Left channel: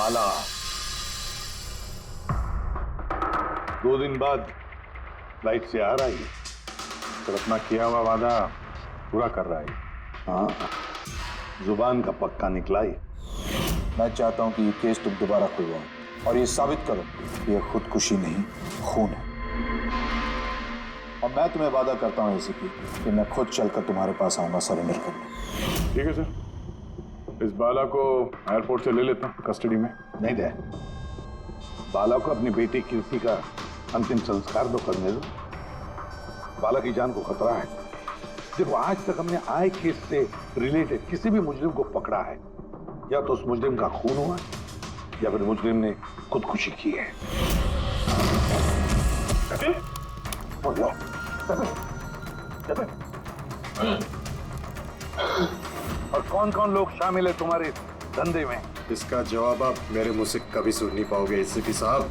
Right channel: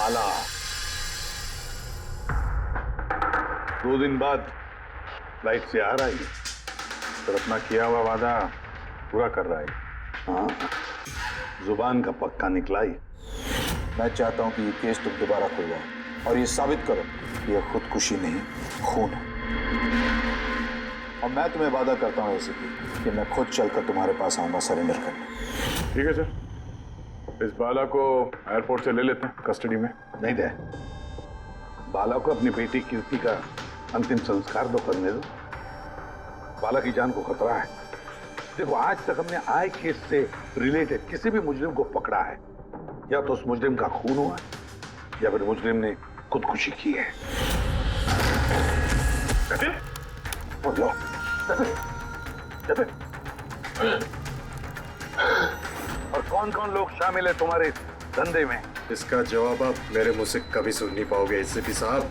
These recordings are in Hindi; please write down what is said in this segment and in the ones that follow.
बाला 2 दिन बाद फ्लाइट से आ रहा है, तो अपना किया हुआ वादा पूरा कर रहा है। हाँ, जुबान का पक्का निकला ही। मैं चाहता हूं कि ये केस तुम दोबारा खुलवाओ और ये साबित करो कि ये खुदकुशी नहीं, खून है। और मैं तुम्हें वादा करता हूं एसीपी कि मैं खुद चलकर तुम्हारे पास आऊंगा सरेंडर करने। ठीक है सर, इस बाला को एयरपोर्ट से ले लेते हैं कस्टडी में। नहीं दे, बाला को अपनी बेटी कीर्ति का अंतिम संस्कार तो करने दो। बाला की जान को खतरा है। देखो, आज तक हमने आए केस से रिलेटेड किसी भी मुजरिम को पकड़ा है, या तो उस मुजरिम का खून हुआ है या फिर मुजरिम ने खुदकुशी की है। और कौन कौन लोग शामिल है तुम्हारे इस धंधे में? इसका जवाब आप मेरे मुंह से कभी सुन नहीं पाओगे एसीपी साहब।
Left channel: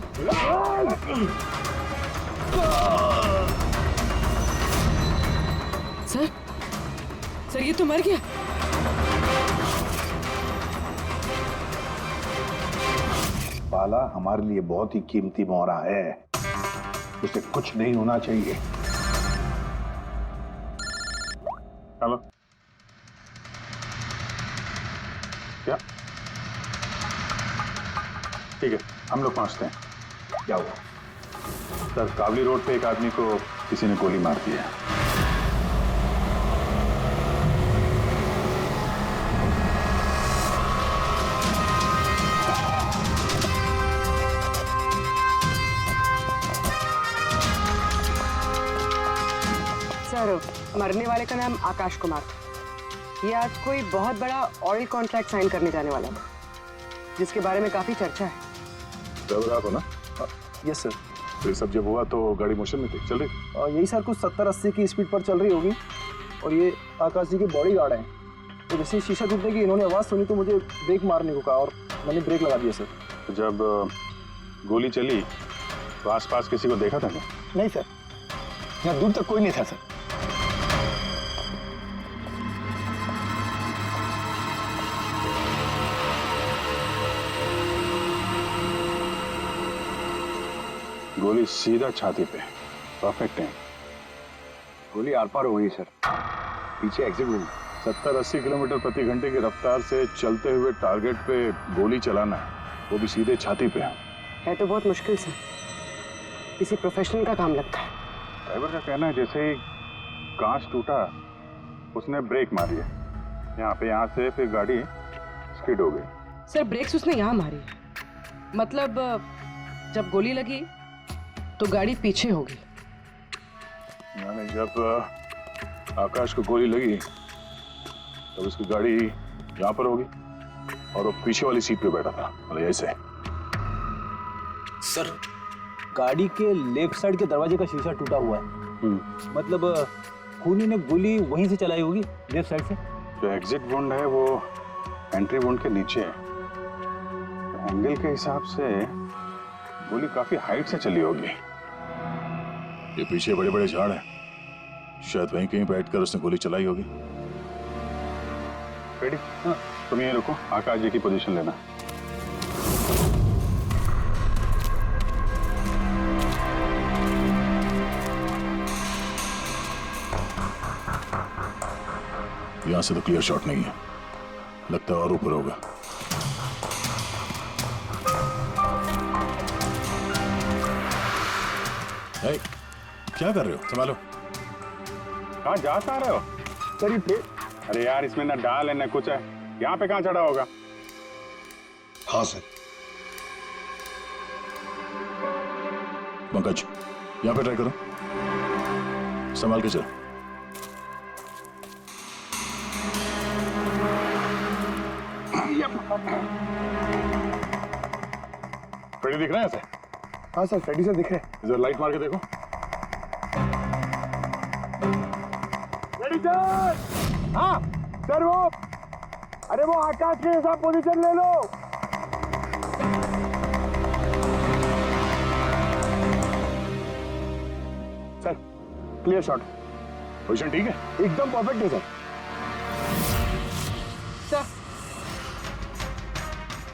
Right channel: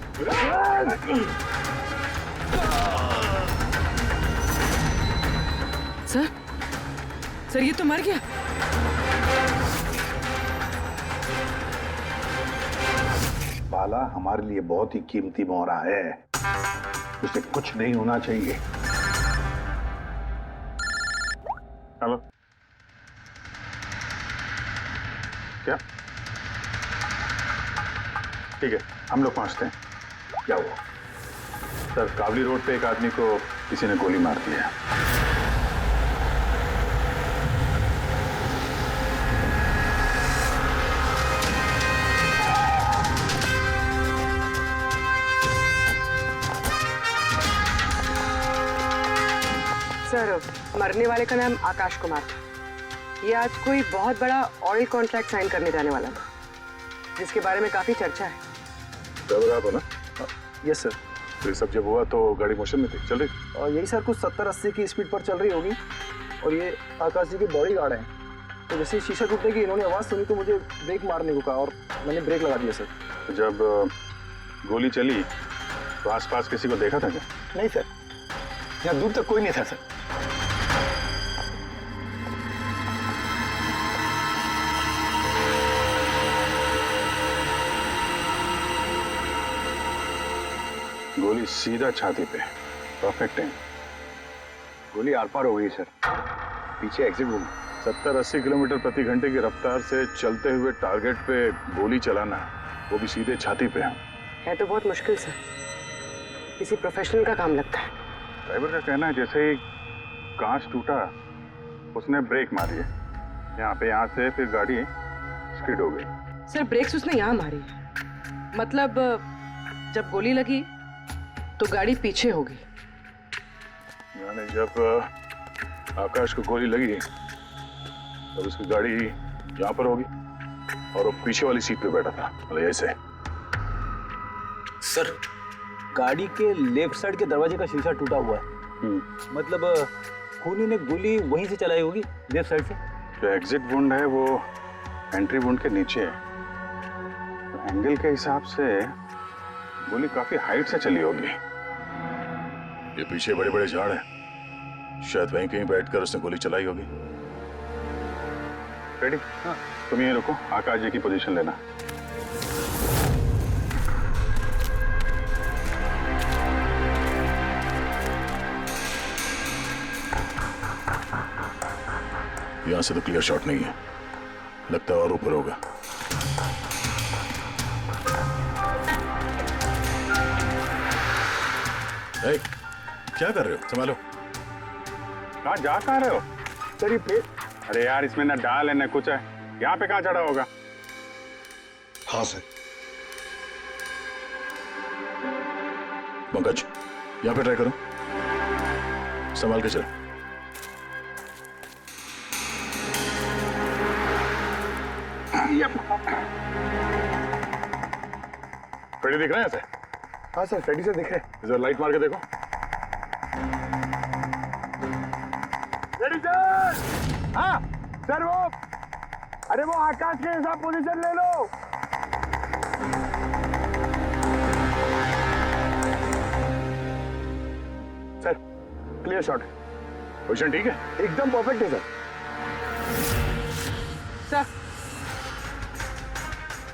सर ये तो मर गया। बाला हमारे लिए बहुत ही कीमती मोहरा है, उसे कुछ नहीं होना चाहिए। हेलो, क्या? ठीक है, हम लोग पहुंचते हैं। क्या हुआ? सर, कावली रोड पे एक आदमी को किसी ने गोली मार दी है। सर, मरने वाले का नाम आकाश कुमार था। ये आज कोई बहुत बड़ा ऑयल कॉन्ट्रैक्ट साइन करने जाने वाला था, जिसके बारे में काफी चर्चा है। ड्राइवर आप हो ना? Yes sir. तो ये सब जब हुआ तो गाड़ी मोशन में थी, चल रही? यही सर, कुछ 70-80 की स्पीड पर चल रही होगी। और ये आकाश जी के बॉडी गार्ड हैं, तो जैसे शीशा टूटने की इन्होंने आवाज़ सुनी तो मुझे ब्रेक मारने को कहा और मैंने ब्रेक लगा दिया सर। तो जब गोली चली तो आसपास किसी को देखा था क्या? नहीं सर, यहाँ दूर तक कोई नहीं था सर। गोली सीधा छाती पे, परफेक्ट टाइम। गोली आर पार हो गई सर, पीछे एग्जिट रूम। 70-80 किलोमीटर प्रति घंटे की रफ्तार से चलते हुए टारगेट पे गोली चलाना, वो भी सीधे छाती पे है तो बहुत मुश्किल सर, किसी प्रोफेशनल का काम लगता है। ड्राइवर का कहना है जैसे ही कांच टूटा उसने ब्रेक मारी है यहाँ से, फिर गाड़ी स्किड हो गई। सर, ब्रेक्स उसने यहाँ मारी, मतलब जब गोली लगी तो गाड़ी पीछे हो गई। यानी जब आकाश को गोली लगी तब उसकी गाड़ी यहाँ पर होगी और वो पीछे वाली सीट पे बैठा था, मतलब ऐसे। सर, गाड़ी के लेफ्ट साइड के दरवाजे का शीशा टूटा हुआ है। मतलब खूनी ने गोली वहीं से चलाई होगी, लेफ्ट साइड से। जो एग्जिट वुंड है वो एंट्री वुंड के नीचे है, तो एंगल के हिसाब से गोली काफी हाइट से चली होगी। ये पीछे बड़े बड़े झाड़ हैं, शायद वहीं कहीं बैठकर उसने गोली चलाई होगी। रेडी? हाँ। तुम यहीं रुको, आकाश जी की पोजीशन लेना। यहां से तो क्लियर शॉट नहीं है, लगता है और ऊपर होगा। क्या कर रहे हो? संभालो। कहाँ जा कहाँ रहे हो? सर, ये पे... अरे यार, इसमें ना डाल है ना कुछ है, यहाँ पे कहाँ चढ़ा होगा? हाँ सर। पंकज, यहाँ पे ट्राई करो, संभाल के चलो। फ्रेडी दिख रहे हैं ऐसे? हाँ सर, फ्रेडी सर दिख रहे हैं। इधर लाइट मार के देखो। Freddy sir! हाँ सर, वो आकाश के हिसाब पोजीशन ले लो। Sir, clear shot. पोजीशन ठीक है? एकदम परफेक्ट है सर। सर,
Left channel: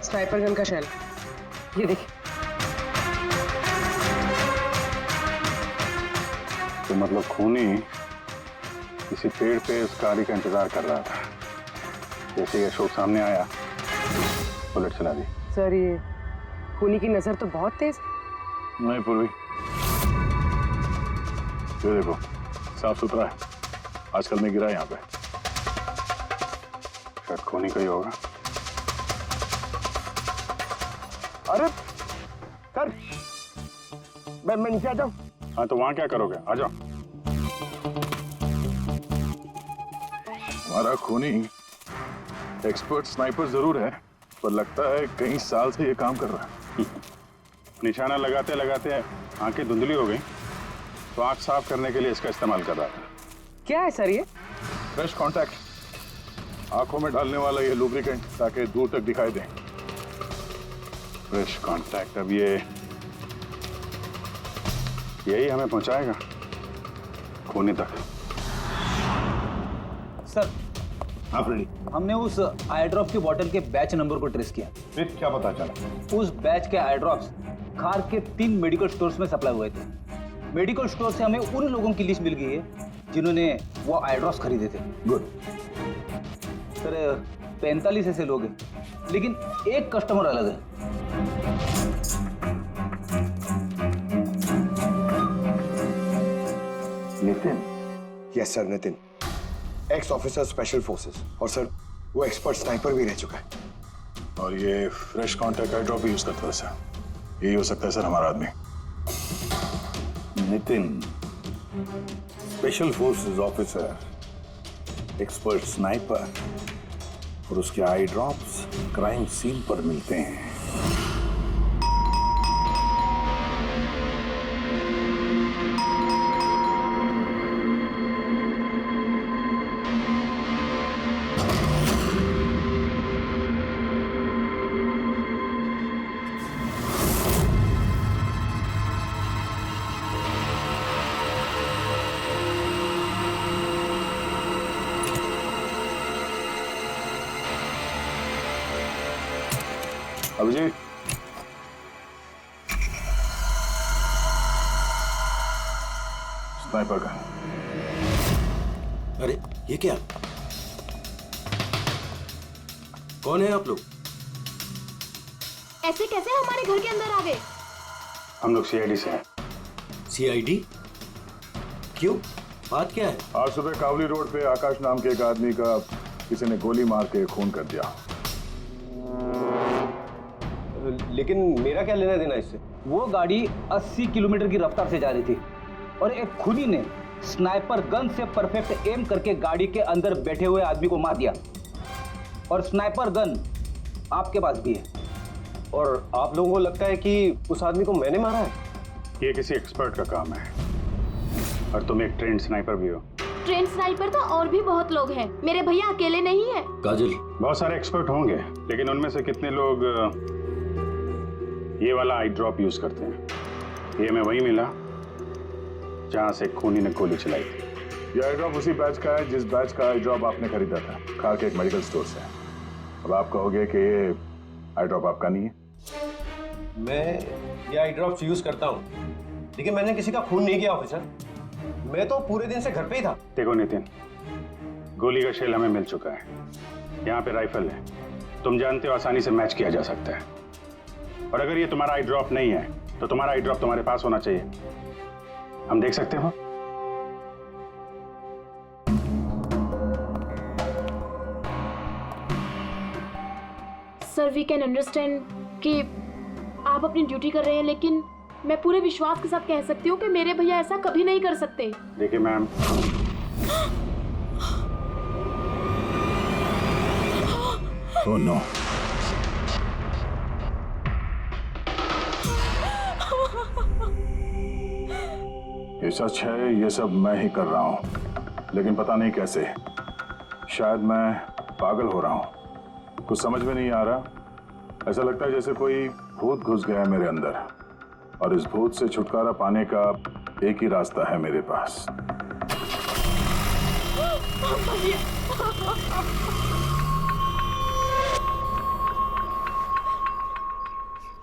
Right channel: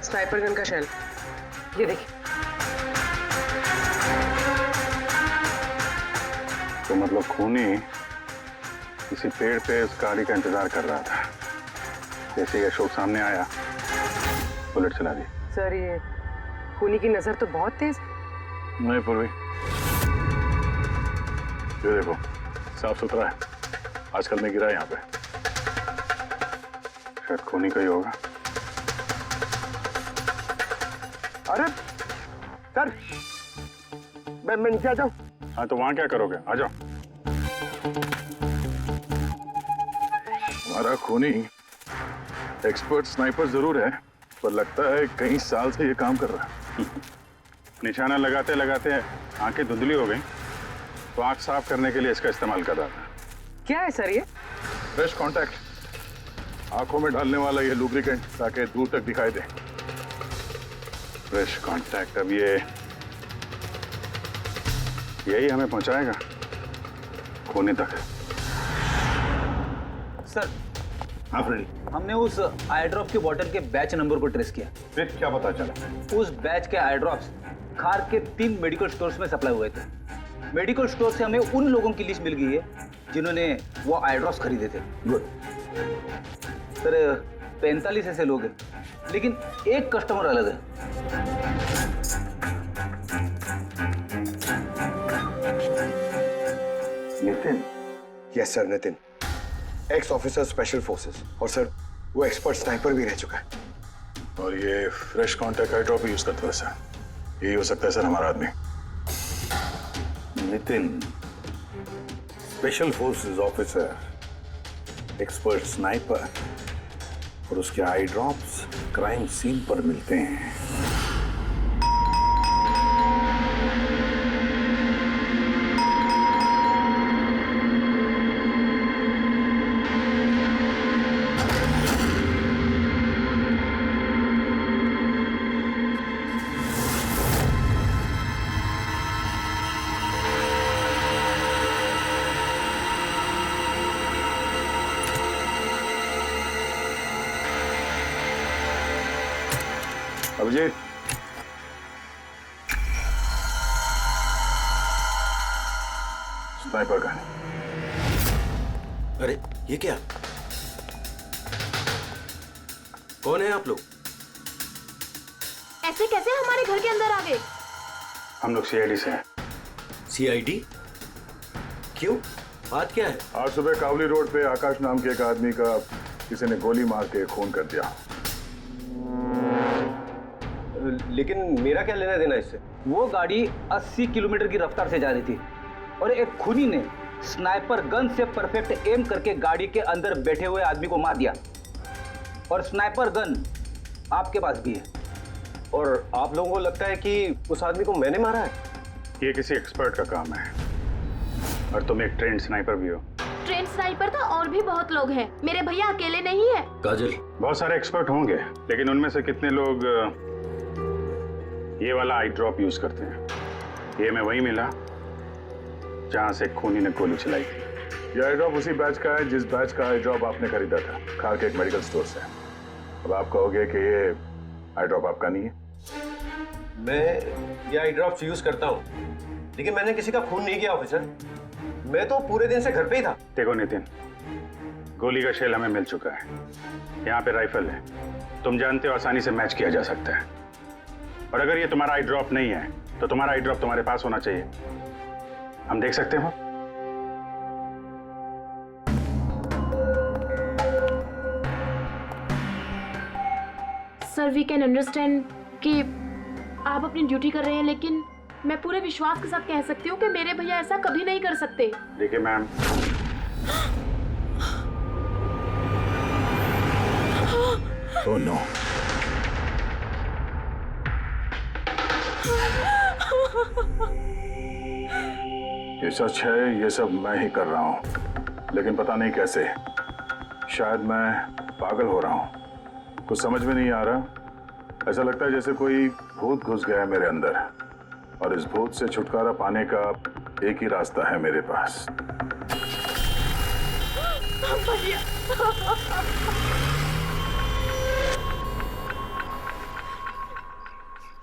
स्नाइपर गन का शेल। ये देखिए। तो मतलब खूनी किसी पेड़ पे उस गाड़ी का इंतजार कर रहा था। जैसे ही अशोक सामने आया, बुलेट चला दी। सर ये खूनी की नजर तो बहुत तेज है। नहीं पूर्वी, ये देखो साफ सुथरा है। आजकल में गिरा है यहाँ पे, शायद खूनी का ही होगा। अरे सर, मैं नीचे आ जाऊं? हाँ तो वहां क्या करोगे, आ जाओ। हमारा खूनी एक्सपर्ट स्नाइपर जरूर है, पर लगता है कई साल से ये काम कर रहा है। निशाना लगाते लगाते आंखें धुंधली हो गई, तो आंख साफ करने के लिए इसका इस्तेमाल कर रहा था। क्या है सर ये? फ्रेश कांटेक्ट, आंखों में डालने वाला ये लुब्रिकेंट, ताकि दूर तक दिखाई दे। फ्रेश कांटेक्ट, अब ये यही हमें पहुंचाएगा खूनी तक। सर, हाँ फ्रेडी, हमने उस आई ड्रॉप की बोतल के बैच नंबर को ट्रेस किया। फिर क्या पता चला? उस बैच के आई ड्रॉप्स खार के 3 मेडिकल स्टोर्स में सप्लाई हुए थे। मेडिकल स्टोर से हमें उन लोगों की लिस्ट मिल गई है जिन्होंने वो आई ड्रॉप्स खरीदे थे। गुड। सर 45 ऐसे लोग हैं, लेकिन एक कस्टमर अलग है। Nitin? Yes sir, Nitin, x officer special forces, और सर वो एक्सपर्ट स्नाइपर भी रह चुका है। और ये फ्रेश कांटेक्ट आई ड्रॉप यूज करता है सर। यही हो सकता है सर हमारा आदमी। Nitin, special forces officer, expert sniper और उसके आई ड्रॉप्स क्राइम सीन पर मिलते हैं। Abhijeet, sniper gun. अरे ये क्या? कौन है आप लोग? ऐसे कैसे हमारे घर के अंदर आ गए? हम लोग सीआईडी से हैं। सीआईडी? क्यों? बात क्या है? आज सुबह कावली रोड पे आकाश नाम के एक आदमी का किसी ने गोली मार के खून कर दिया। लेकिन मेरा क्या लेना देना इससे? वो गाड़ी 80 किलोमीटर की रफ्तार से जा रही थी और एक खूनी ने स्नाइपर गन से परफेक्ट एम करके गाड़ी के अंदर बैठे हुए आदमी को मार दिया। और स्नाइपर गन आपके पास भी है। और आप लोगों को लगता है कि उस आदमी को मैंने मारा है? ये किसी एक्सपर्ट का काम है, और तुम एक ट्रेंड स्नाइपर भी हो। ट्रेन स्नाइपर तो और भी बहुत लोग हैं, मेरे भैया अकेले नहीं है। काजल, बहुत सारे एक्सपर्ट होंगे, लेकिन उनमें से कितने लोग ये वाला आई ड्रॉप यूज करते हैं? ये हमें वही मिला जहां से खूनी ने गोली चलाई थी। ये आई ड्रॉप उसी बैच का है जिस बैच का आई ड्रॉप आपने खरीदा था खार के एक मेडिकल स्टोर से। अब आप कहोगे कि ये आई ड्रॉप आपका नहीं है। मैं ये आई ड्रॉप्स यूज करता हूँ, लेकिन मैंने किसी का खून नहीं किया ऑफिसर। मैं तो पूरे दिन से घर पे ही था। देखो नितिन, गोली का शेल हमें मिल चुका है, यहाँ पे राइफल है, तुम जानते हो आसानी से मैच किया जा सकता है। और अगर ये तुम्हारा आई ड्रॉप नहीं है तो तुम्हारा आई ड्रॉप तुम्हारे पास होना चाहिए, हम देख सकते हो। सर वी कैन अंडरस्टैंड कि आप अपनी ड्यूटी कर रहे हैं, लेकिन मैं पूरे विश्वास के साथ कह सकती हूँ कि मेरे भैया ऐसा कभी नहीं कर सकते। देखिए मैम, ओह नो, ये सच है, ये सब मैं ही कर रहा हूं, लेकिन पता नहीं कैसे। शायद मैं पागल हो रहा हूं, कुछ समझ में नहीं आ रहा। ऐसा लगता है जैसे कोई भूत घुस गया है मेरे अंदर, और इस भूत से छुटकारा पाने का एक ही रास्ता है मेरे पास।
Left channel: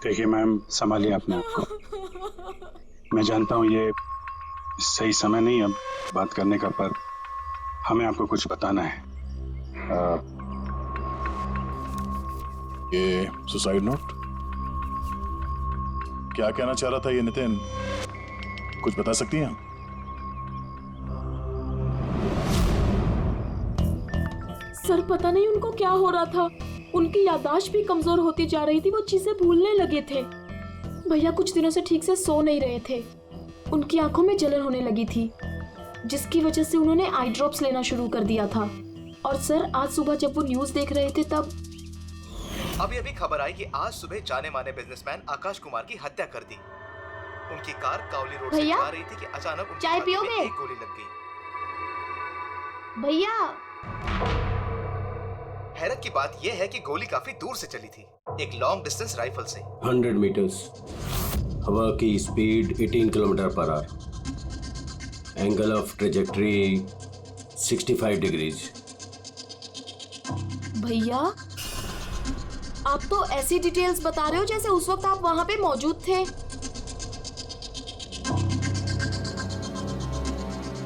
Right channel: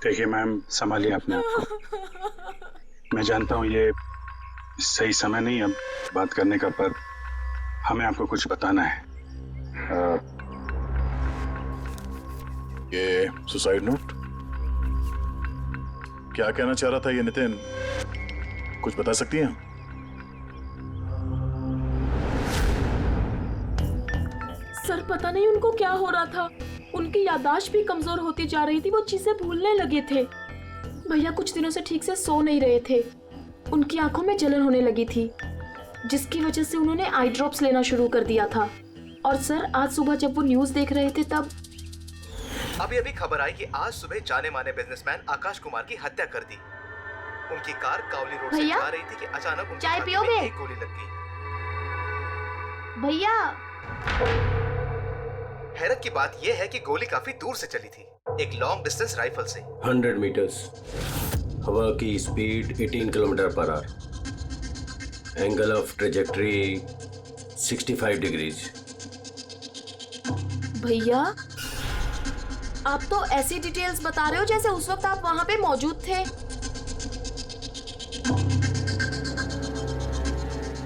देखिए मैम, संभालिए अपने आप को। मैं जानता हूँ ये सही समय नहीं अब बात करने का, पर हमें आपको कुछ बताना है। ये सुसाइड नोट क्या कहना चाह रहा था ये नितिन, कुछ बता सकती हैं? सर पता नहीं उनको क्या हो रहा था, उनकी याददाश्त भी कमजोर होती जा रही थी, वो चीजें भूलने लगे थे। भैया कुछ दिनों से ठीक से सो नहीं रहे थे, उनकी आंखों में जलन होने लगी थी, जिसकी वजह से उन्होंने आई ड्रॉप्स लेना शुरू कर दिया था। और सर आज सुबह जब वो न्यूज देख रहे थे तब अभी अभी खबर आई कि आज सुबह जाने माने बिजनेसमैन आकाश कुमार की हत्या कर दी। उनकी कार कावली रोड से जा रही थी कि अचानक उनकी चाय छाती में पियोगे? एक गोली लग गई। भैया हैरत की बात यह है कि गोली काफी दूर से चली थी, एक लॉन्ग डिस्टेंस राइफल से। 100 मीटर्स, हवा की speed 18 kilometre per hour, angle of trajectory 65 degrees. भैया आप तो ऐसी डिटेल्स बता रहे हो जैसे उस वक्त आप वहां पे मौजूद थे।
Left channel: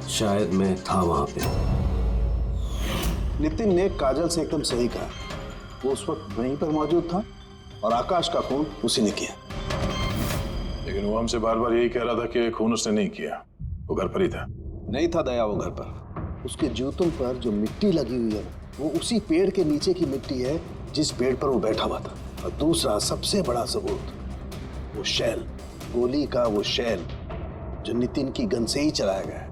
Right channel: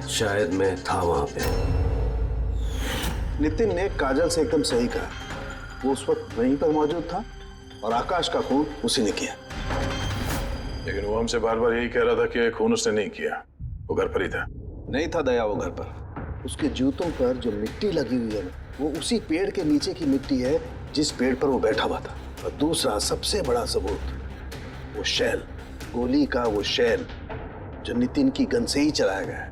शायद मैं था वहां पे। नितिन ने काजल से एकदम सही कहा, वो उस वक्त वहीं पर मौजूद था और आकाश का खून उसी ने किया। लेकिन वो हमसे बार बार यही कह रहा था कि खून उसने नहीं किया, वो घर पर ही था। नहीं था दया वो घर पर, उसके जूतों पर जो मिट्टी लगी हुई है ना, वो उसी पेड़ के नीचे की मिट्टी है जिस पेड़ पर वो बैठा हुआ था। और दूसरा सबसे बड़ा सबूत, वो शैल, गोली का वो शैल जो नितिन की गन से ही चलाया गया है।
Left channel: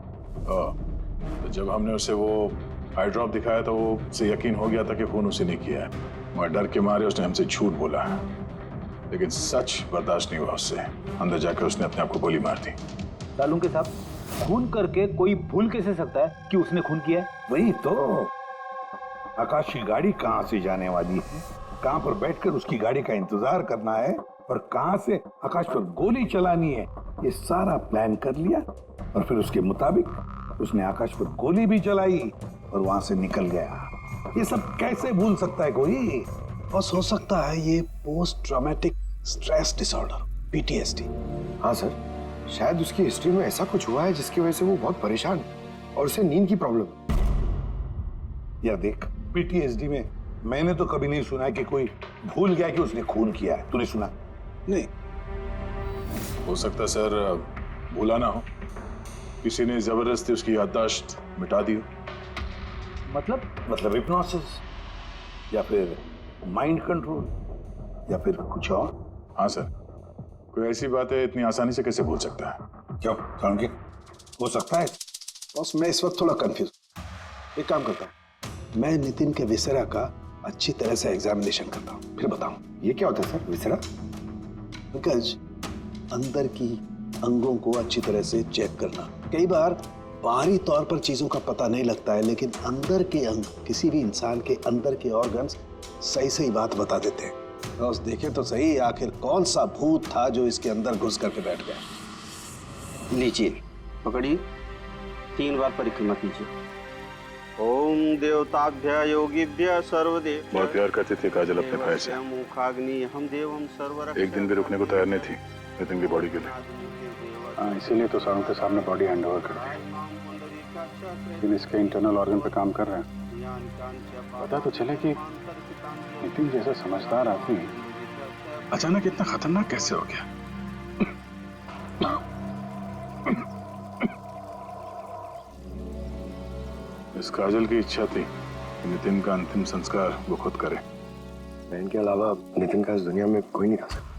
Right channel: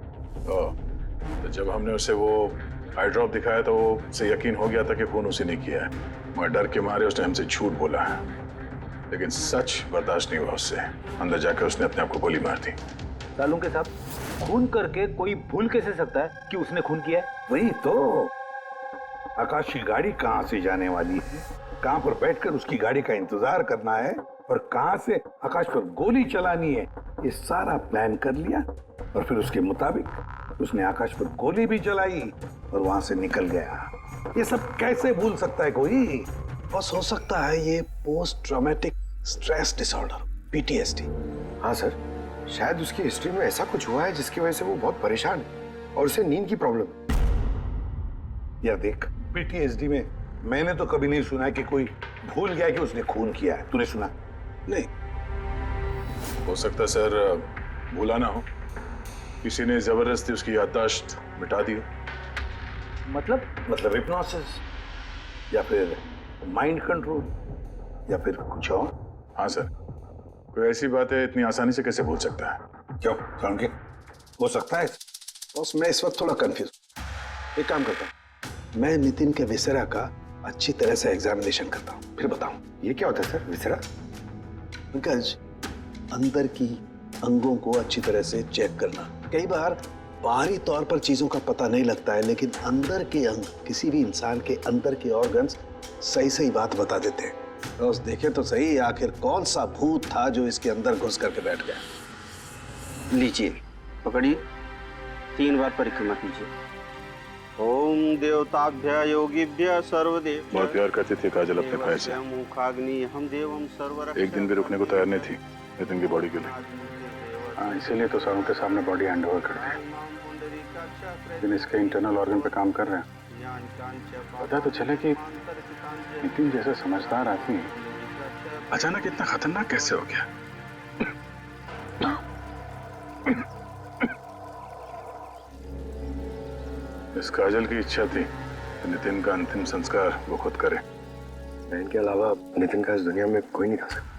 तो जब हमने उसे वो आई ड्रॉप दिखाया तो वो उसे यकीन हो गया था कि खून उसी ने किया है, मगर डर के मारे उसने हमसे झूठ बोला है। लेकिन सच बर्दाश्त नहीं हुआ उससे, अंदर जाकर उसने अपने आप को गोली मार दी। सालुंग के साहब, खून करके कोई भूल कैसे सकता है कि उसने खून किया है? वही तो, आकाश की गाड़ी कहाँ से जाने वाली है, कहाँ पर बैठकर उसकी गाड़ी का इंतजार करना है और कहाँ से आकाश पर गोली चलानी है, ये सारा प्लान कर लिया। और फिर उसके मुताबिक उसने आकाश पर गोली भी चलाई और वहां से निकल गया। ये सब कैसे भूल सकता है कोई? बस हो सकता है ये post traumatic stress disorder, PTSD। हाँ सर, शायद उसकी हिस्ट्री में ऐसा कुछ हुआ है जिसकी वजह से वो बहुत परेशान है और उसे नींद की प्रॉब्लम है। यार देख, PTSD में मैंने तो कभी नहीं सुना कि कोई भूल गया कि उसने खून किया है। तूने सुना? नहीं। हो सकता है सर भूला ना हो, किसी ने जबरदस्ती उसकी याददाश्त मिटा दी हो। मतलब हिप्नोसिस या फिर माइंड कंट्रोल या फिर कुछ और। हाँ सर, कोई ऐसी बात है इतनी आसानी से कैसे भूल सकता है? क्यों समझे? हो सकता है। बस मैं इस वक्त थोड़ा कंफ्यूज। एक काम करता हूँ, मैं नितिन के विसरा का अच्छी तरह से एग्जामिनेशन करता हूँ, फिर बताऊँ। ये क्या होता है सर, विसरा? पंकज, अंदर की अंगों को अच्छी तरह से चेक करना। कई बार बाहरी तौर पर चीजों का पता नहीं लगता है, लेकिन अंदर के अंग, किसी भी इंसान के अंदर के ऑर्गन्स सही सही बात बता देते हैं। बस देखें तो सही, आखिर कौन सा भूत था जो इसके अंदर घुस करके बैठ गया। लीजिए, पकड़िए, 3 बार परिक्रमा कीजिए। ओम देवताभ्य योगिभ्य सर्वदेव। बहुत प्यार करती थी काजल अपने भाई से, मुखाग्नि हम देवम सर्वरक्षक। एक दिन भी रुकने को तैयार नहीं थी नितिन की बॉडी के लिए। हाँ, इसीलिए तो सारों के सामने बॉडी हैंड ओवर कर दी, लेकिन इसके इंटरनल ऑर्गन पे काम कर रहे हैं। पता तो चले कि नितिन जैसा समझदार आदमी अचानक इतना खतरनाक कैसे हो गया। इस काजल की इच्छा थी कि नितिन का अंतिम संस्कार वो खुद करे। बहन के अलावा नितिन का इस दुनिया में कोई नहीं कर सकता।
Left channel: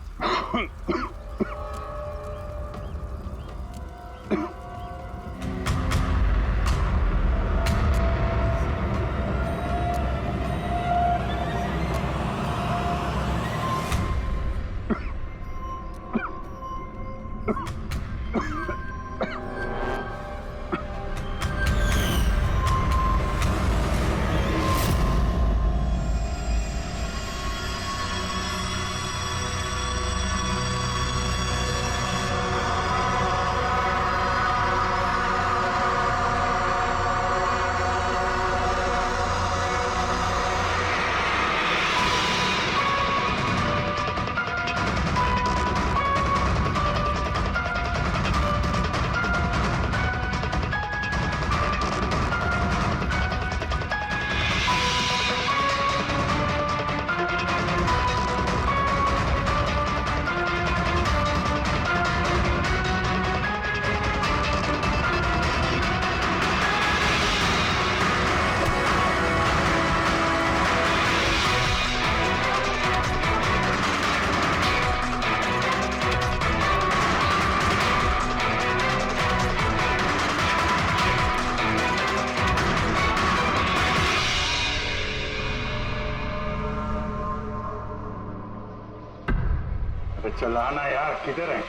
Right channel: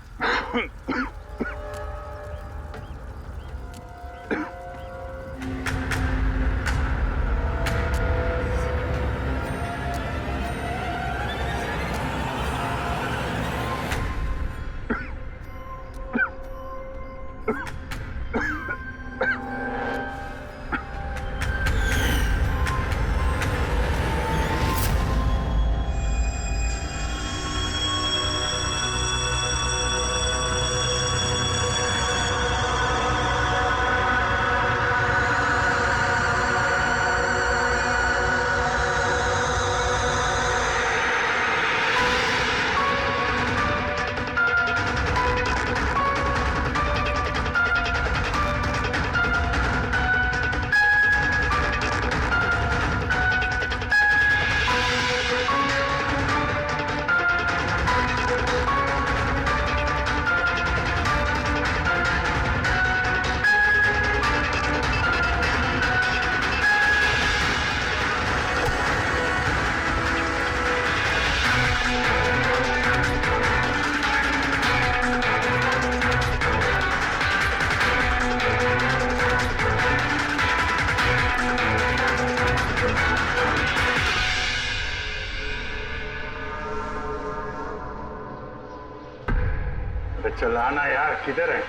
चलाना यार, किधर है?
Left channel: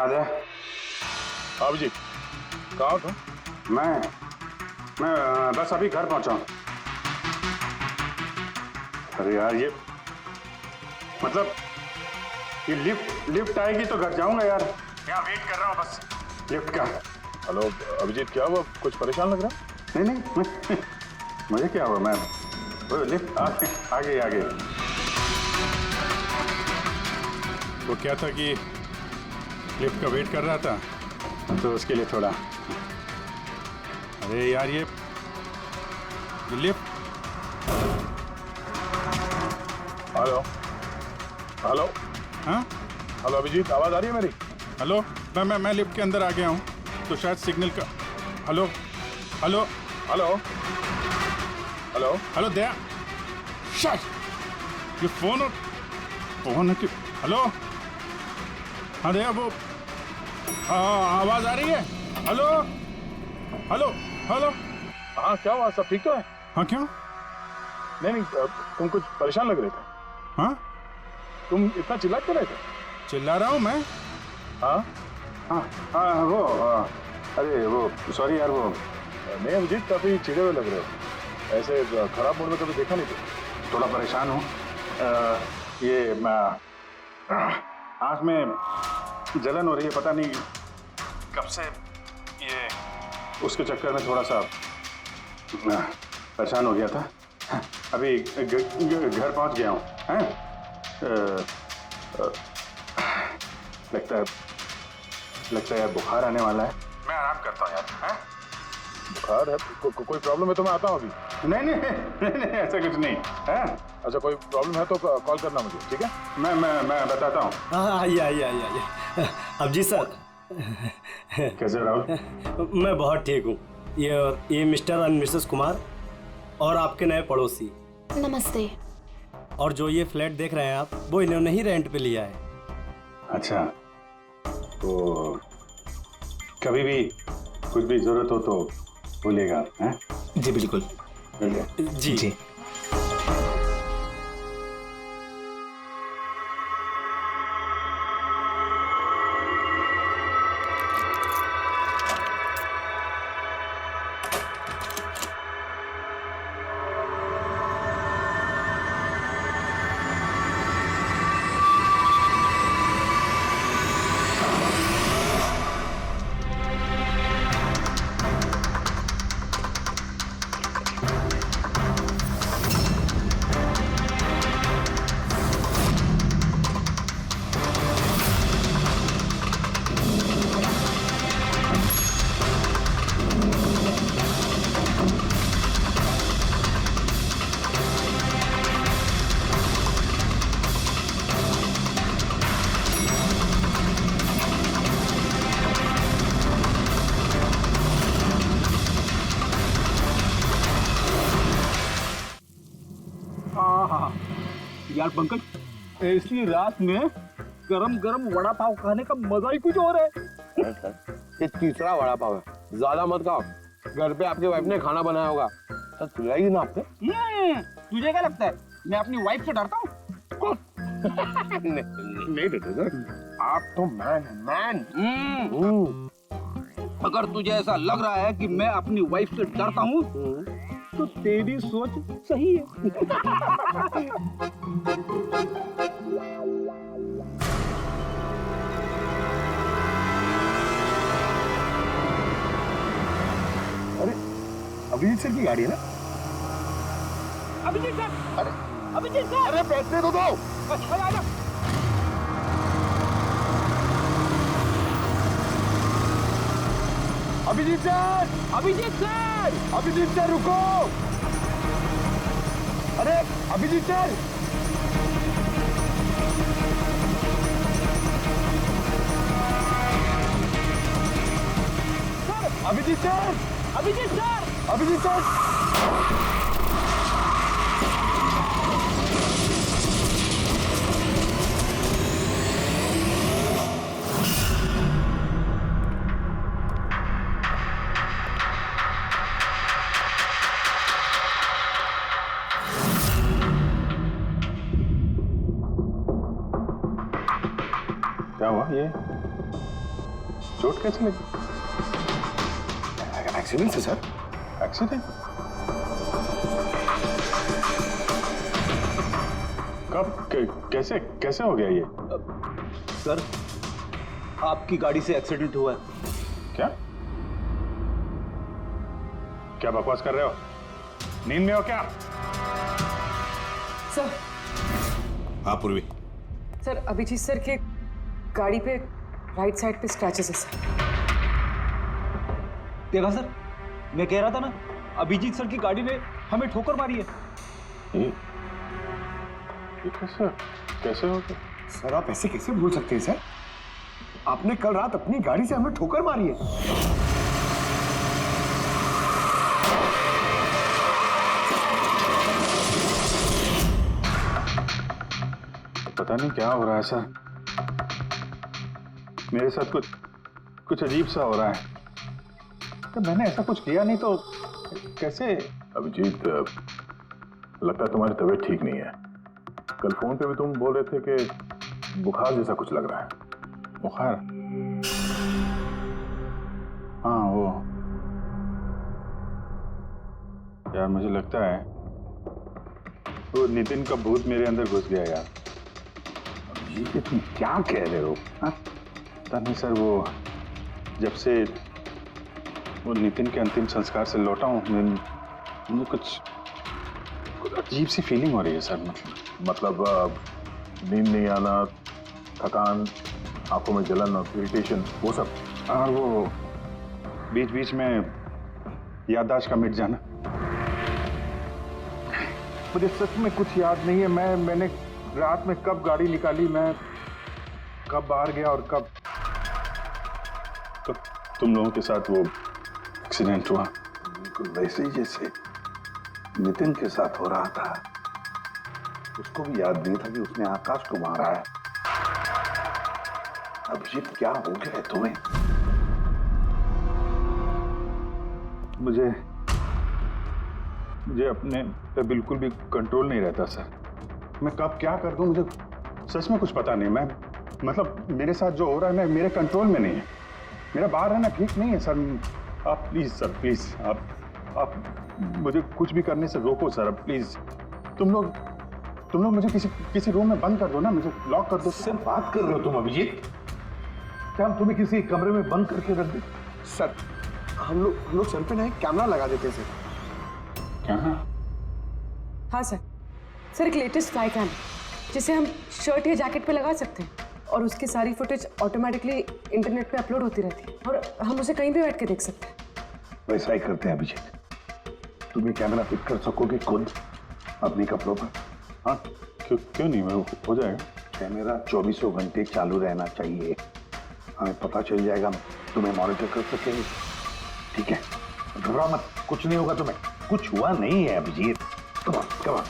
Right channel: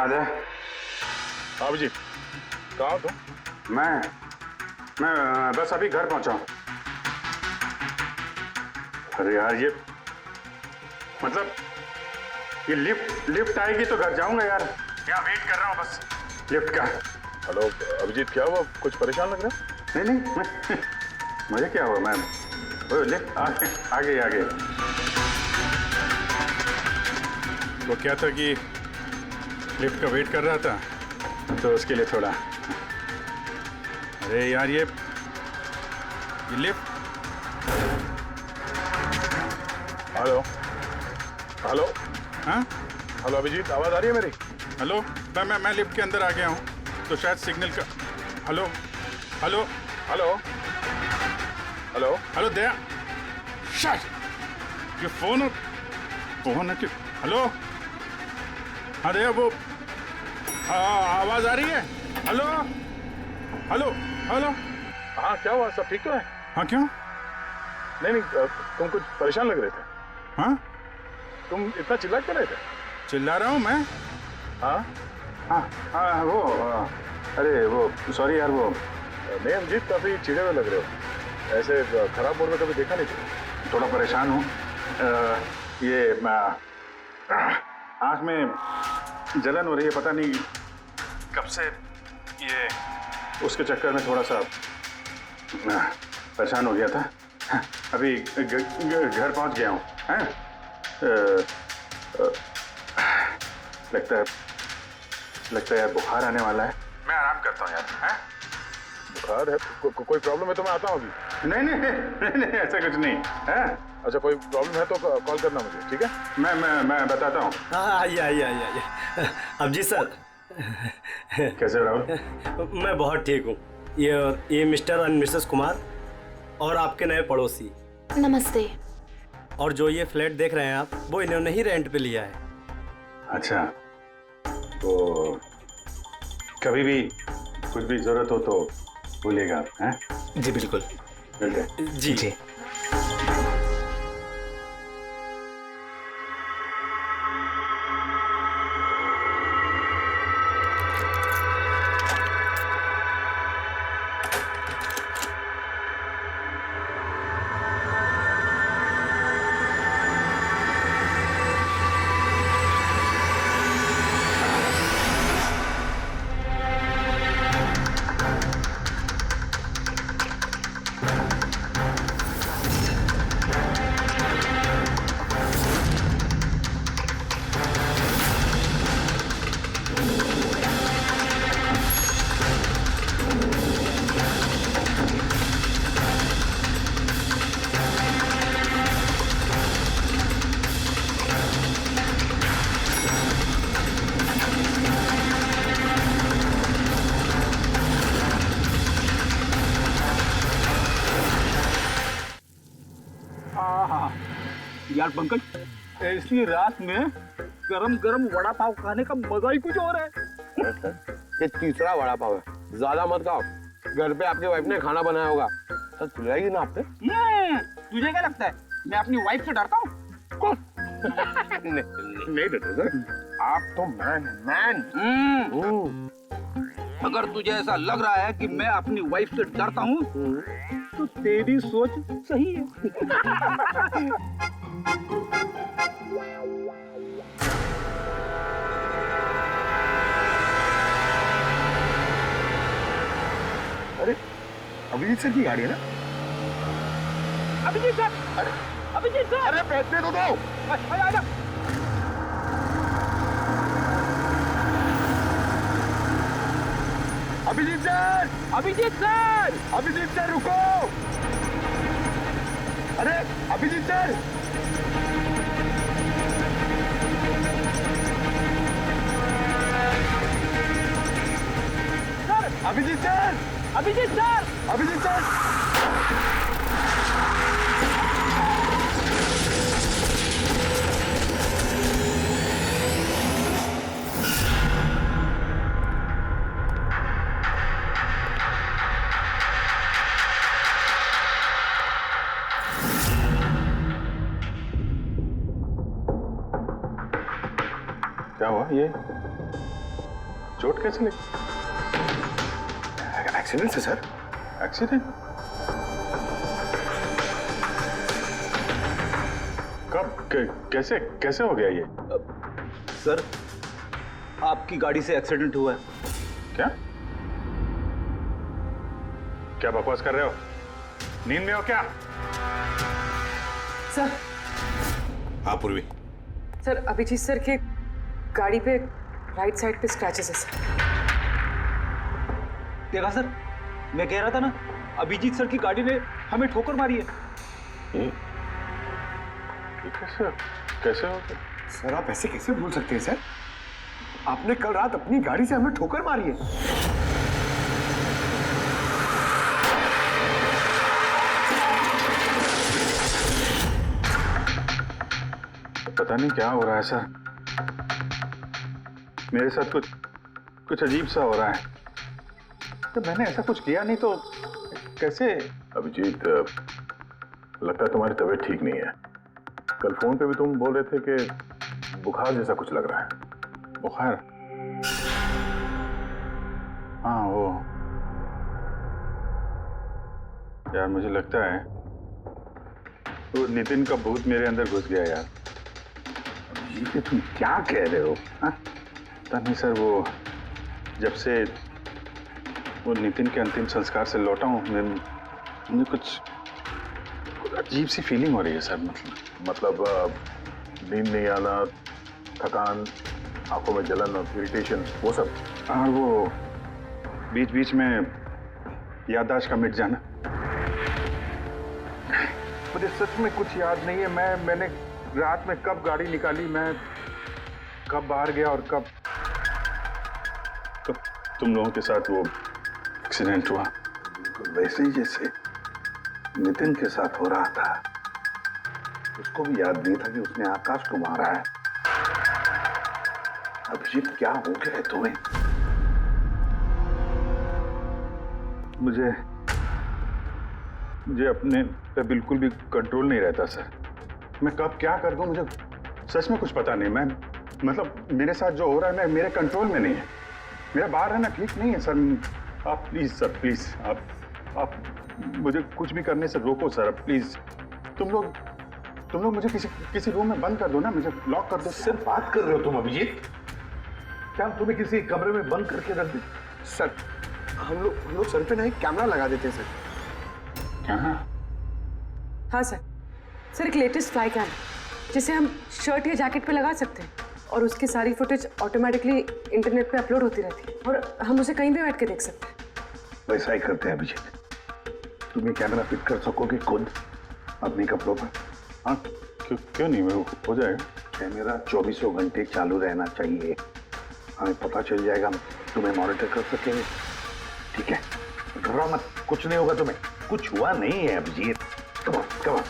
आजा। आप जी कहाँ हो तुम? मैं बस अभी घर पहुंचा हूं। अरे यार ये मतलब ये लिफ्ट आएगी तो घर जाऊंगा यार। यहाँ वेट कर रहा हूँ बस लिफ्ट का। हेलो अभिजीत, क्या हुआ? कुछ परेशान लग रहा है? नहीं मुझे क्या हुआ, मैं वो लिफ्ट आ गई। वो क्या था कि लिफ्ट का वेट कर रहा था तो उसके लिए थोड़ा। अरे यार ये लिफ्ट। Hello hello. हाँ हेलो अभिजीत, आवाज आ रही है मेरी? हेलो, मैं लिफ्ट के अंदर आ गया हूँ तो शायद सिग्नल का। Hello hello hello hello hello Daya, शायद ये फोन है कि। हेलो हाँ दया, वो आवाज आ रही है? Hello hello hello. हाँ क्या हुआ, सब ठीक तो है? हाँ क्यों? नहीं तुम कुछ परेशान लग रहे थे। हाँ तुम इतना चिल्ला क्यों रहे थे? चिल्ला रहा हूँ मैं। हाँ अरे वो सॉरी यार, वो नहीं अभिजीत, काफी चिढ़े हुए लग रहे हो, ऐसे खराब मूड में कभी देखा नहीं तुम। थोड़ा परेशान हूँ। ये आँख में जलन हो रही है, पता नहीं कब से। ये उसके चक्कर में थोड़ा सा परेशान हो गया था। अभी घर पहुंच गया हूँ। लगता है यार बुखार आने वाला है। मैं आराम करता हूँ यार। बुखार है? कोई प्रॉब्लम है तो मैं आता हूँ अभी। नहीं ऐसा कुछ नहीं है। अच्छा कोई प्रॉब्लम है तो कॉल करना मुझे, ठीक है? मैं बताता हूँ। आइए। अब जी सर। कैसे हो राहुल? मैं बहुत ठीक हूँ। ये मिस्टर एंड मिसेस कुमार और आपके नए पड़ोसी। नमस्ते। और जो ये फ्लैट देख रहे हैं आप, वो इन्होंने ही रेंट पे लिया है। अच्छा, तो कभी भी कुछ भी जरूरत हो तो बोलिएगा आप। हैं? जी बिल्कुल। जी। यार पंकज, ऐसी रात में गरम गरम वड़ा पाव खाने का मजा ही कुछ और है। ये तीसरा वड़ा पाव है, ज्यादा मत खाओ। घर पे आपके वाइफ ने खाना बनाया होगा, तो चिल्लाएगी ना आप पे। तुझे क्या लगता है मैं अपनी वाइफ से डरता हूँ? नहीं डरते सर, आप तो मैन। अगर तुझे ऐसा लग रहा है कि मैं अपनी वाइफ से डरता हूँ तो तेरी सोच सही है। अरे अभिजीत सर की गाड़ी है ना? अभिजीत सर, अभिजीत सर, अरे पैसे तो दो। अच्छा आजा। Abhijeet sir, Abhijeet sir, Abhijeet sir रुको। अरे Abhijeet sir, Abhijeet sir, Abhijeet sir, Abhijeet sir. क्या हुआ? ये चोट कैसे लगी? एक्सीडेंट है सर। एक्सीडेंट? कब? कैसे कैसे हो गया ये? सर, आपकी गाड़ी से एक्सीडेंट हुआ है। क्या क्या बकवास कर रहे हो? नींद में हो क्या? सर। हाँ पूर्वी। सर, अभिजीत सर के गाड़ी पे राइट साइड पे स्क्रैचेस है सर। देखा सर, मैं कह रहा था ना, अभिजीत सर की गाड़ी ने हमें ठोकर मारी है। ये कैसे कैसे हो गया? सर आप ऐसे कैसे भूल सकते हैं सर? आपने कल रात अपनी गाड़ी से हमें ठोकर मारी है। पता नहीं क्या हो रहा है सर, मेरे साथ कुछ अजीब सा हो रहा है। तो मैंने ऐसा कुछ किया नहीं तो कैसे? अभिजीत, लगता है तुम्हारी तबीयत ठीक नहीं है। कल फोन पे भी तुम बोल रहे थे कि बुखार जैसा कुछ लग रहा है। बुखार? हाँ वो यार, मुझे लगता है वो नितिन का भूत मेरे अंदर घुस गया यार। ये तुम क्या कह रहे हो? पता नहीं सर, वो जब से वो नितिन के अंतिम संस्कार से लौटा हूँ, मुझे कुछ अजीब सी फीलिंग हो रही है सर। मतलब नींद नहीं आना, थकान, आंखों में जलन और इरिटेशन, वो सब? और वो बीच बीच में याददाश्त का मिट जाना। मुझे सच में कुछ याद नहीं है। मैंने रात में कब गाड़ी निकाली, मैं कब बाहर गया और कब तुम लोगों के साथ वो एक्सीडेंट हुआ। बिल्कुल वैसे ही जैसे नितिन के साथ हो रहा था। उसको भी याद नहीं था कि उसने आकाश को मारा है। अभिजीत, क्या हो गया है तुम्हें? मुझे अपने पे बिल्कुल भी कंट्रोल नहीं रहता सर। मैं कब क्या कर दूं, मुझे सच में कुछ पता नहीं। मैं मतलब मेरे साथ जो हो रहा है, मैं मेरे कंट्रोल में नहीं है। मेरा बाहर रहना ठीक नहीं है सर। आप प्लीज सर, प्लीज आप मुझे कुछ भी करने से रोको सर, प्लीज। तुम लोग मुझे किसी रूम में बंद कर दो ना, मुझे लॉक कर दो। सर बात कर रहे हो तुम अभिजीत? क्या हम तुम्हें किसी कमरे में बंद करके रख दें? सर हम लोग सर पे ना एक कैमरा लगा देते हैं सर। क्या? हाँ सर। सर, एक लेटेस्ट फ्लाई कैम जिसे हम शर्ट या जैकेट पे लगा सकते हैं और उसकी सारी फुटेज ऑटोमेटिकली इंटरनेट पे अपलोड होती रहती है और हम उसे कहीं भी बैठ के देख सकते हैं। वैसा ही करते हैं अभिजीत। तुम ये कैमरा फिट कर सकोगे खुद अपने कपड़ों पर? हाँ, क्यों नहीं, वो हो जाएगा। कैमरा 24 घंटे चालू रहना चाहिए। हमें पता चल जाएगा, तुम्हें मॉनिटर कर सकेंगे। ठीक है, घबराओ मत, कुछ नहीं होगा तुम्हें। कुछ हुआ नहीं है अभिजीत। कम ऑन,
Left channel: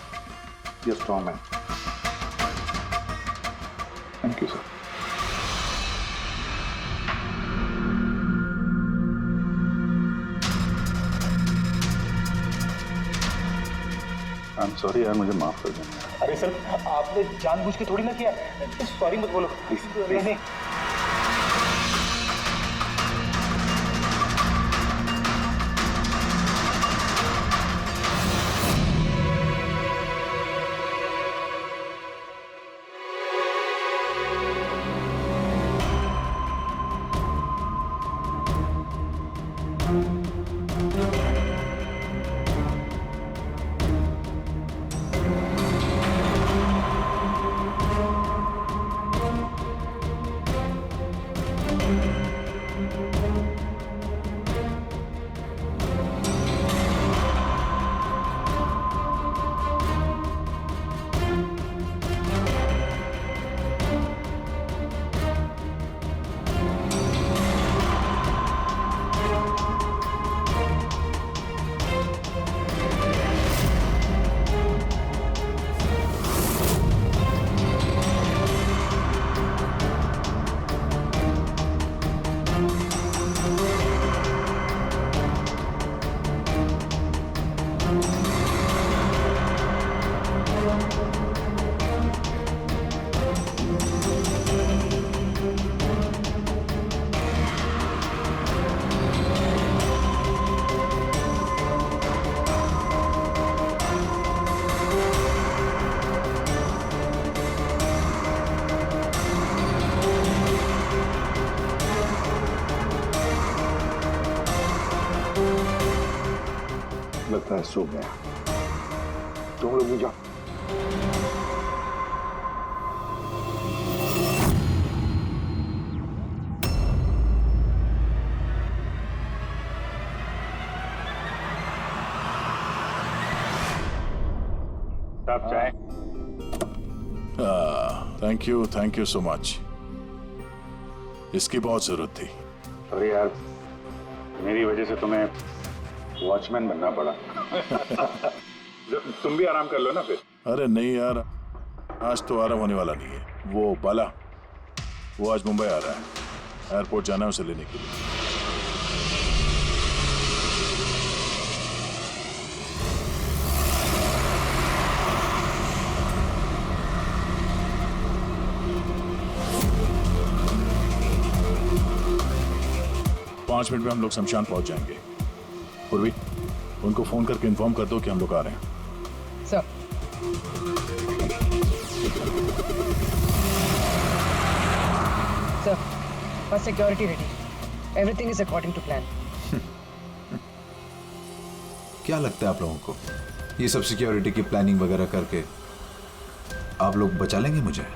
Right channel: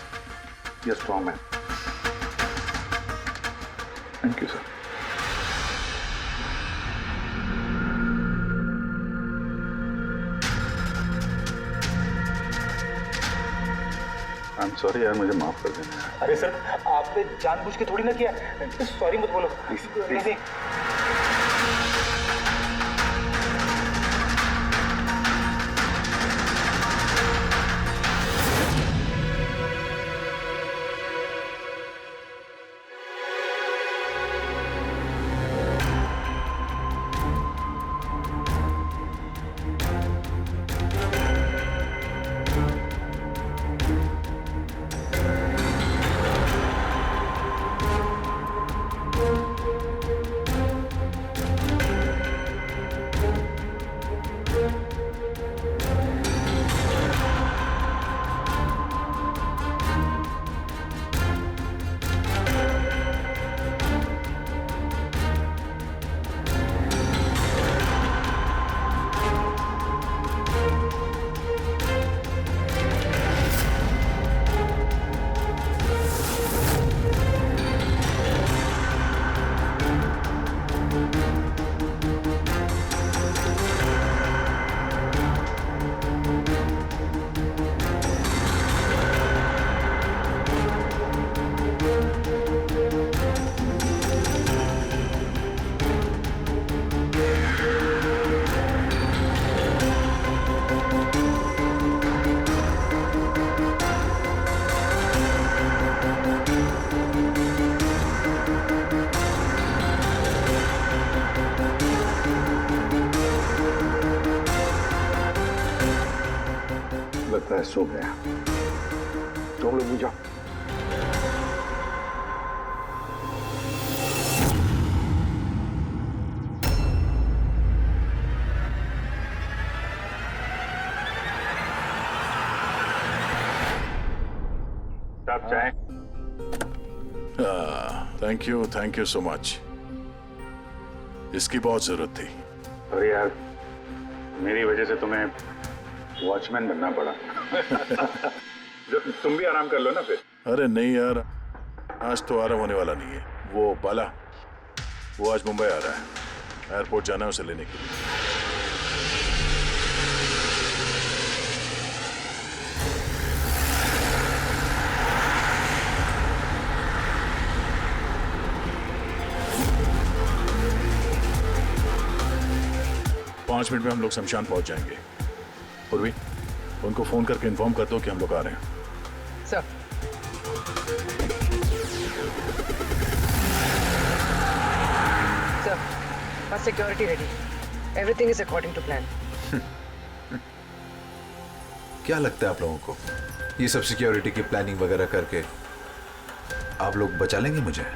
ये strong man. Thank you sir. I am sorry यार, मुझे माफ कर देना। अरे सर, आपने जानबूझ के थोड़ी ना किया। सॉरी मत बोलो प्लीज। नहीं। लगता है सो गया। तुम लोग भी जाओ। साहब चाय। Thank you so much. इसकी बहुत जरूरत थी। अरे यार, मेरी वजह से तुम्हें वॉचमैन बनना पड़ा। तुम भी आराम कर लो ना फिर। अरे नहीं यार, आज तो आराम होने वाला नहीं है। वो बाला, वो आज मुंबई आ रहा है, एयरपोर्ट जाना है उसे लेने के लिए। पांच मिनट में हम लोग शमशान पहुंच जाएंगे। पूर्वी, उनको फोन करके इन्फॉर्म कर दो कि हम लोग आ रहे हैं। सर, सर, बस security ready. Everything is according to plan. क्या लगता है आप लोगों को, ये सब सिक्योरिटी की प्लानिंग वगैरह करके आप लोग बचा लेंगे मुझे?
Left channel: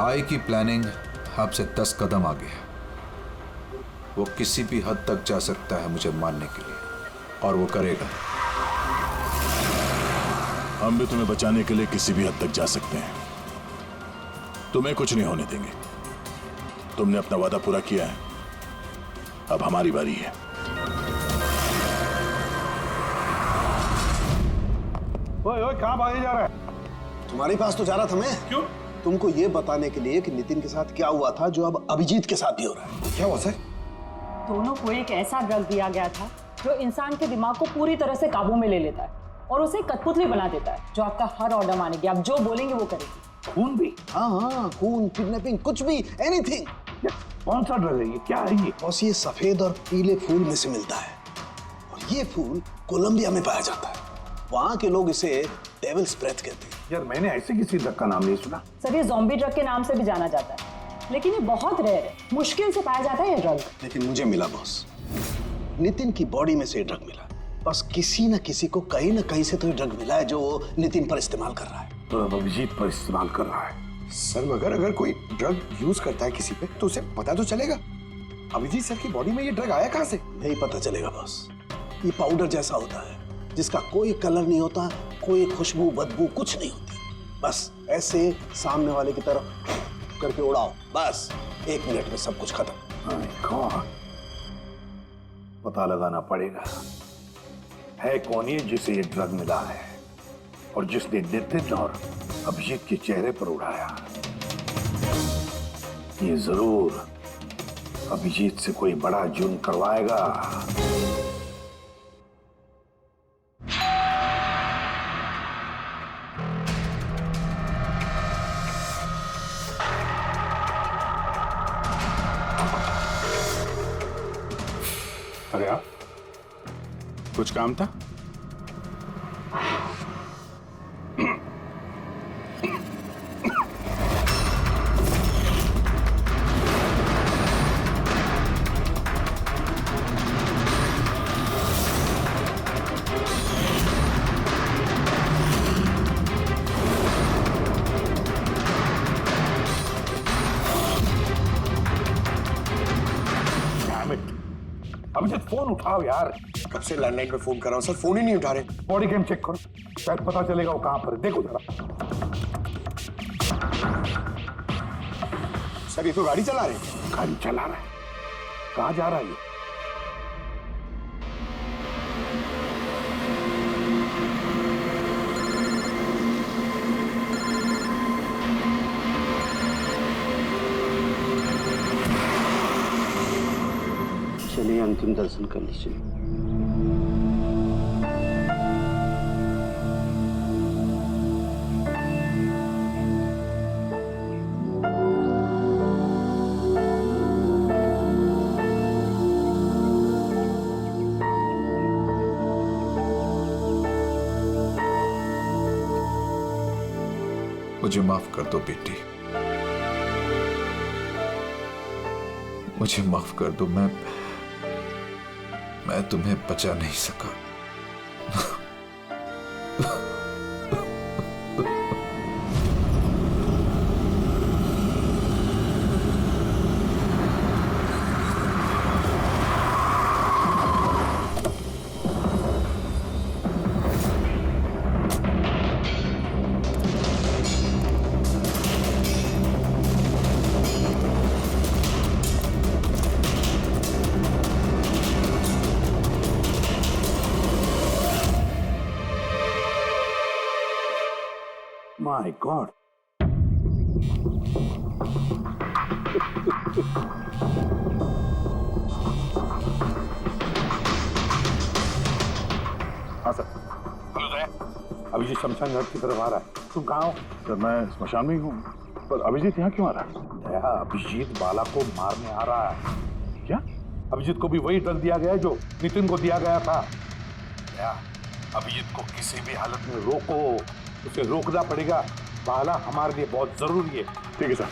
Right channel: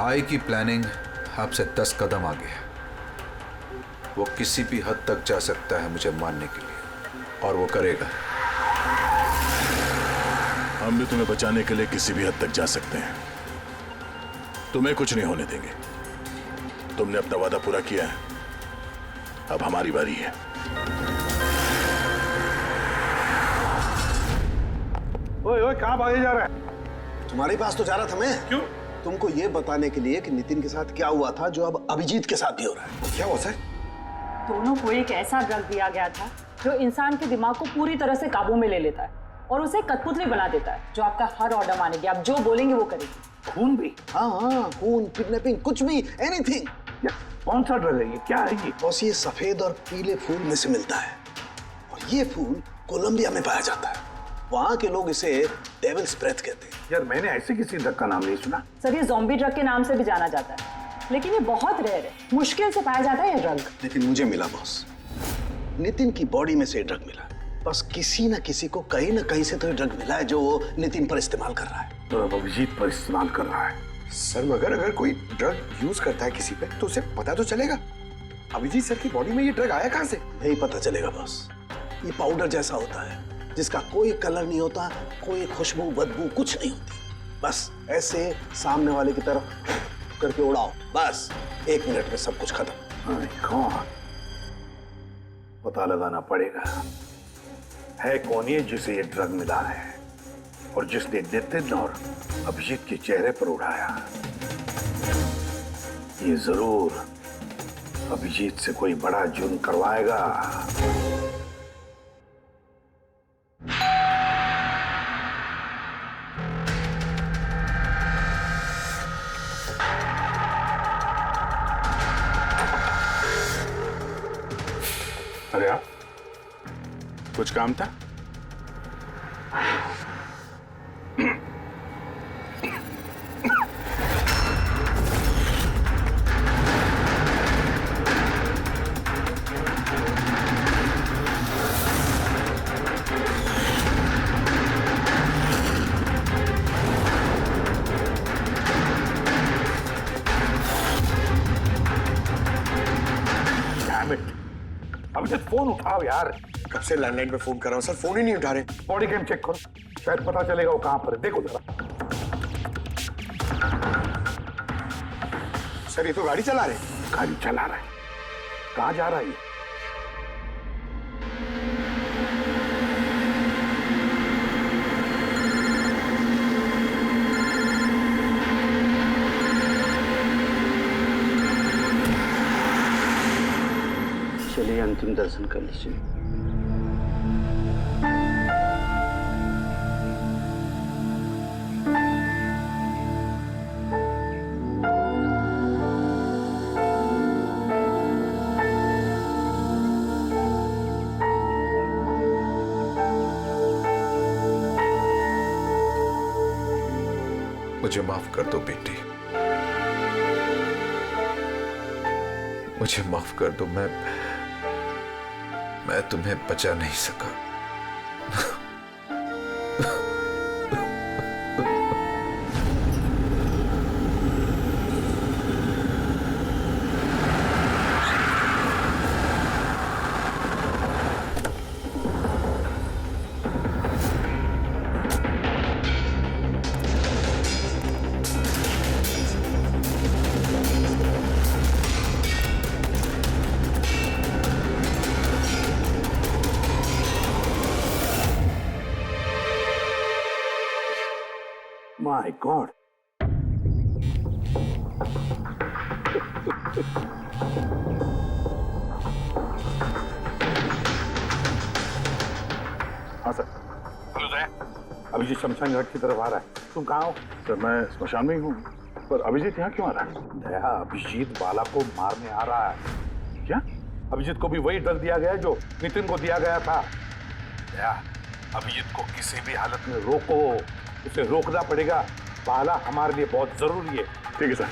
आई की प्लानिंग आपसे 10 कदम आगे है। वो किसी भी हद तक जा सकता है मुझे मारने के लिए, और वो करेगा। हम भी तुम्हें बचाने के लिए किसी भी हद तक जा सकते हैं। तुम्हें कुछ नहीं होने देंगे। तुमने अपना वादा पूरा किया है, अब हमारी बारी है। ओए ओए, कहाँ भागे जा रहा है? तुम्हारे पास तो जा रहा था मैं। क्यों? तुमको ये बताने के लिए कि नितिन के साथ क्या हुआ था जो अब अभिजीत के साथ भी हो रहा है। क्या हुआ सर? दोनों को एक ऐसा ड्रग दिया गया था जो इंसान के दिमाग को पूरी तरह से काबू में ले लेता है और उसे कठपुतली बना देता है, जो आपका हर ऑर्डर मानेगी। आप जो बोलेंगे वो करेगी। खून भी? हाँ, खून, किडनैपिंग, कुछ भी, एनीथिंग। कौन सा ड्रग है ये? क्या है ये? बॉस, ये सफेद और पीले फूल में से मिलता है, और ये फूल कोलंबिया में पाया जाता है। वहां के लोग इसे डेविल्स ब्रेथ कहते हैं। यार, मैंने ऐसे किसी ड्रग का नाम नहीं सुना। सर, ये ज़ॉम्बी ड्रग के नाम से भी जाना जाता है, लेकिन ये बहुत रेयर है। मुश्किल से पाया जाता है ये ड्रग। लेकिन मुझे मिला बॉस, नितिन की बॉडी में से ये ड्रग मिला। बस किसी न किसी को कहीं ना कहीं से तो ये ड्रग मिला है जो वो नितिन पर इस्तेमाल कर रहा है। तो अब अभिजीत पर इस्तेमाल कर रहा है। सर, मगर अगर कोई ड्रग यूज करता है किसी पे तो उसे पता तो चलेगा। अभिजीत सर की बॉडी में ये ड्रग आया कहां से? नहीं पता चलेगा बॉस। ये पाउडर जैसा होता है जिसका कोई कलर नहीं होता, कोई खुशबू बदबू कुछ नहीं होती। बस ऐसे सामने वाले की तरफ करके उड़ाओ, बस 1 मिनट में सब कुछ खत्म। पता लगाना पड़ेगा है कौन ये जिसे ये ड्रग मिला है और जिसने नितिन और अभिजीत के चेहरे पर उड़ाया। ये जरूर अभिजीत से कोई बड़ा जुर्म करवाएगा। अरे आप, कुछ काम था? अभिजीत, फोन उठाओ यार। कब से लैंडलाइन पे फोन कर रहा हूँ सर, फोन ही नहीं उठा रहे। बॉडी कैम चेक करो, शायद पता चलेगा वो कहां पर है। देखो जरा। सर, ये तो गाड़ी चला रहे। गाड़ी चला रहा है? कहां जा रहा है ये? चलिए अंतिम दर्शन कर लीजिए। मुझे माफ कर दो बेटी, मुझे माफ कर दो। मैं तुम्हें बचा नहीं सका। My God. हाँ सर। हेलो दया, अभिजीत शमशान घाट की तरफ आ रहा है। तुम कहाँ हो? सर मैं स्मशान में ही हूँ, पर अभिजीत यहाँ क्यों आ रहा है? दया, अभिजीत बाला को मारने आ रहा है। क्या? अभिजीत को भी वही ड्रग दिया गया है जो नितिन को दिया गया था। दया, अभिजीत को किसी भी हालत में रोको, उसे रोकना पड़ेगा। बाला हमारे लिए बहुत जरूरी है। ठीक है सर,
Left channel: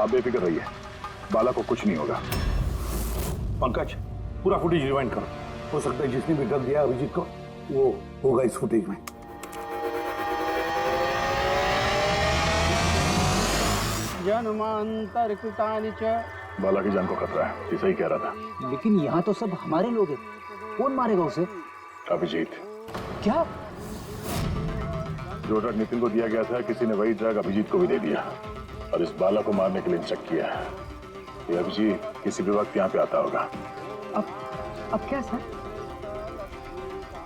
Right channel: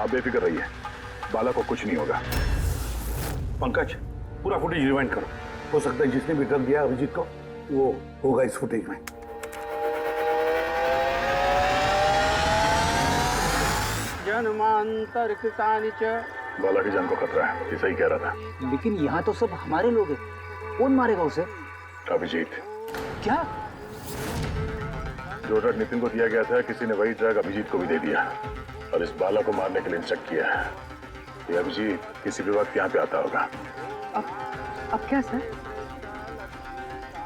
आप बेफिक्र रहिए, बाला को कुछ नहीं होगा। पंकज, पूरा फुटेज रिवाइंड करो। हो सकता है जिसने भी ड्रग दिया अभिजीत को वो होगा इस फुटेज में। जन्मांतरकृतानि च। बाला की जान को खतरा है, ये सही कह रहा था। लेकिन यहाँ तो सब हमारे लोग हैं, कौन मारेगा उसे? अभिजीत। क्या? जो ड्रग नितिन को दिया गया था, किसी ने वही ड्रग अभिजीत को भी दे दिया और इस बाला को मारने के लिए इंस्ट्रक्ट किया है। ये अभिजीत किसी भी वक्त यहाँ पे आता होगा। अब क्या सर?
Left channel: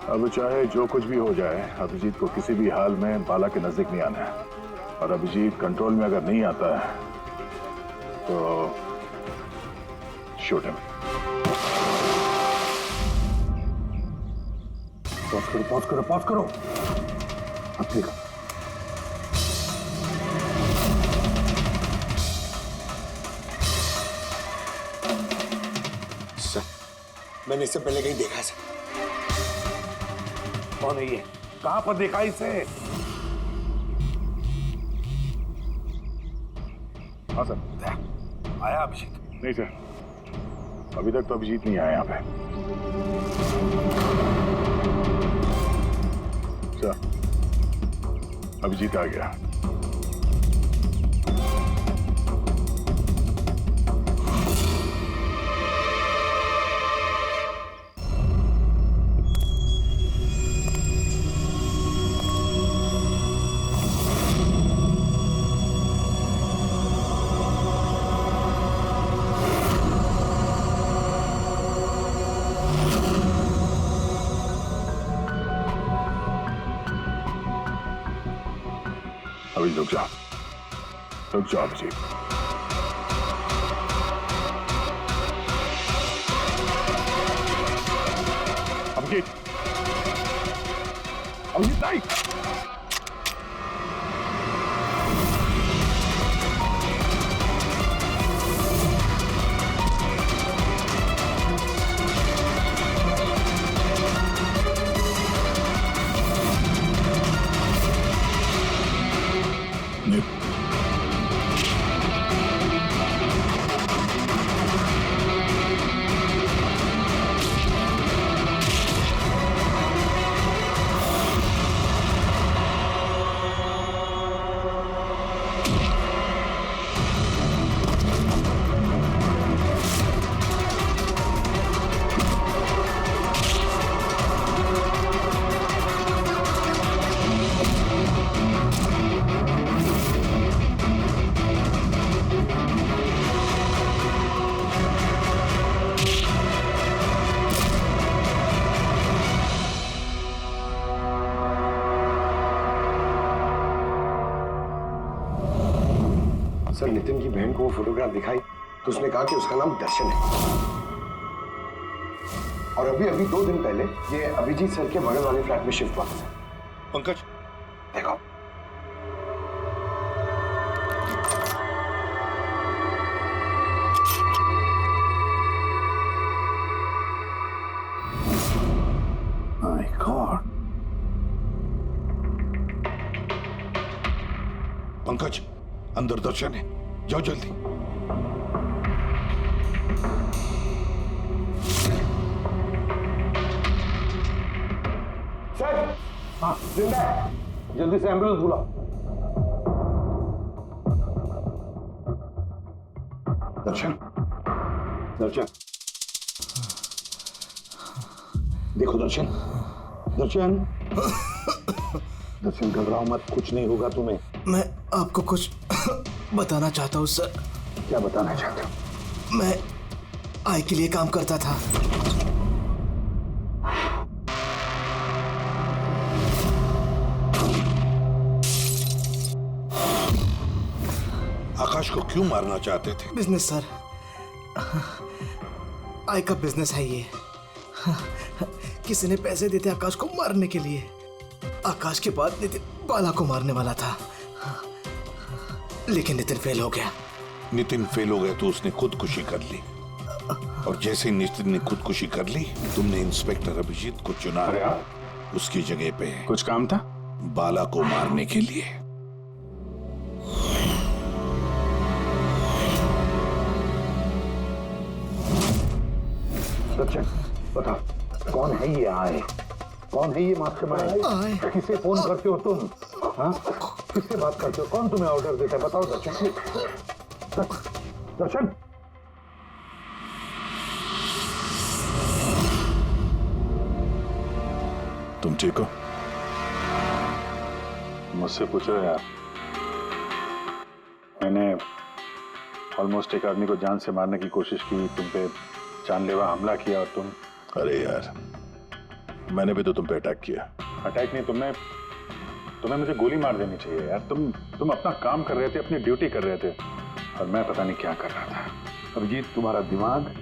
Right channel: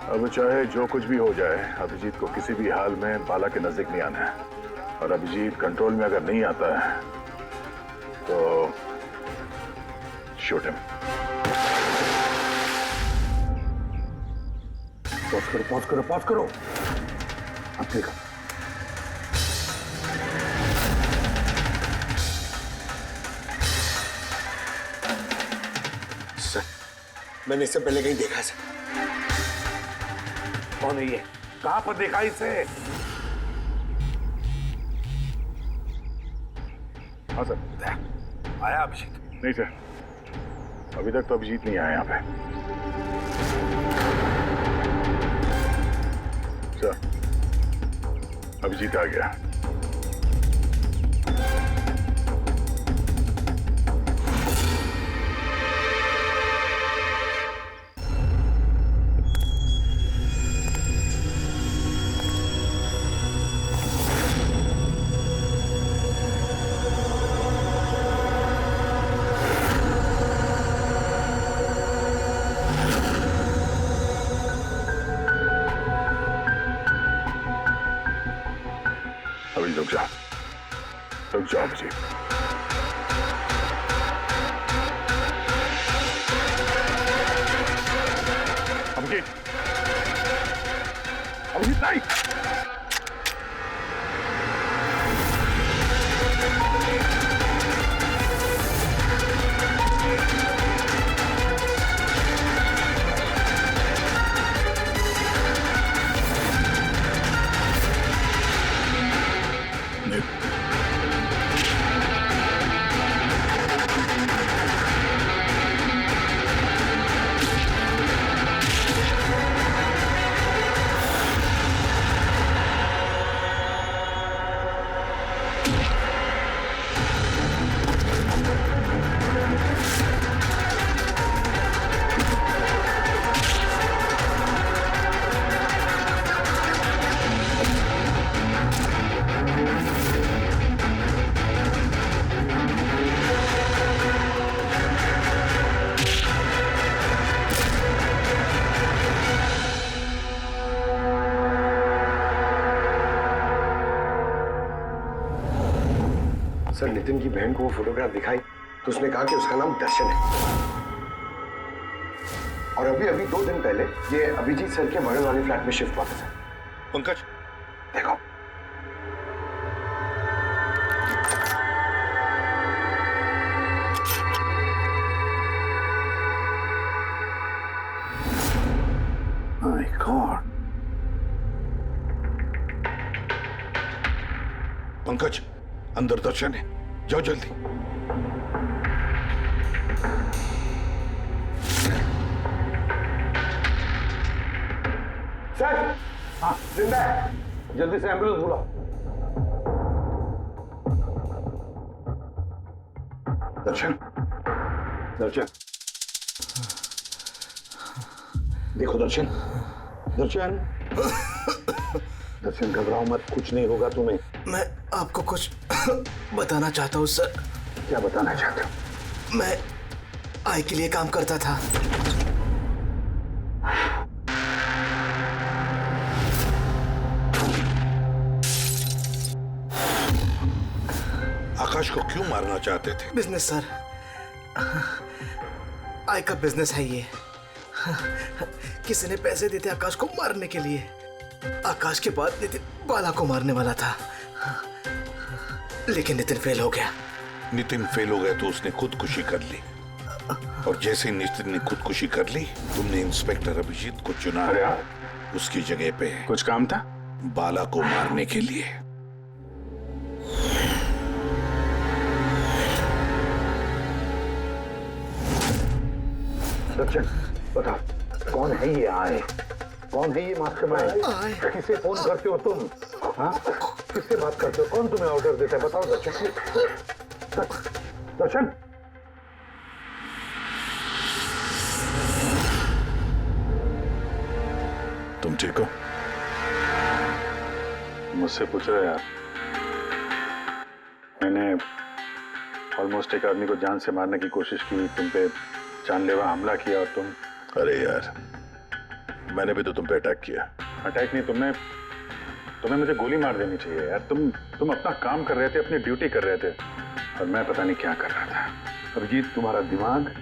अब चाहे जो कुछ भी हो जाए, अभिजीत को किसी भी हाल में बाला के नजदीक नहीं आना है। और अभिजीत कंट्रोल में अगर नहीं आता है तो शूट हिम। पॉज करो। अब देखो। सर, मैंने इससे पहले कहीं देखा सर। कौन है ये? कहां पर देखा इसे? हाँ सर। आया अभिजीत? नहीं सर, अभी तक तो अभिजीत नहीं आया यहाँ पे। सर, अभिजीत आ गया। अभी रुक जाओ अभिजीत। अभिजीत नहीं। सर, नितिन की बहन को वो फोटोग्राफ दिखाई तो उसने कहा कि उसका नाम दर्शन है। और अभी 2 दिन पहले ये अभिजीत सर के बगल वाले फ्लैट में शिफ्ट हुआ था। पंकज, देखो। My God. पंकज, अंदर दर्शन है, जाओ जल्दी। सर, हाँ जिंदा है, जल्दी से एम्बुलेंस बुलाओ। दर्शन, दर्शन, देखो दर्शन, दर्शन, दर्शन घबराओ मत, कुछ नहीं होगा तुम्हें। मैं आपको कुछ बताना चाहता हूँ सर। क्या बताना चाहते हो? मैं आई के लिए काम करता था। आकाश को क्यों मारना चाहते थे? बिजनेस सर, आई का बिजनेस है ये। किसी ने पैसे देते आकाश को मारने के लिए। आकाश के बाद नितिन बाला को मारने वाला था, लेकिन नितिन फेल हो गया। नितिन फेल हो गया तो उसने खुदकुशी कर ली, और जैसे नितिन ने खुदकुशी कर ली, तुमने इंस्पेक्टर अभिजीत को चुना। अरे उसकी जगह पे कुछ काम था? बाला को मारने के लिए। दर्शन, बताओ कौन है ये आए? कौन है ये मास्टरमाइंड? किसे फोन करते हो तुम? हाँ, किससे बात करते हो? कौन तुम्हें ऑर्डर देता है? बताओ दर्शन। दर्शन, तुम ठीक हो? मुझसे पूछ रहे यार। मैंने ऑलमोस्ट एक आदमी को जान से मारने की कोशिश की, तुम पे जानलेवा हमला किया, और तुम। अरे यार, मैंने भी तो तुम पे अटैक किया। अटैक नहीं, तुम्हें मुझे गोली मार देनी चाहिए यार। तुम अपना काम कर रहे थे, अपनी ड्यूटी कर रहे थे, और मैं पता नहीं क्या कर रहा था। अभिजीत, तुम्हारा दिमाग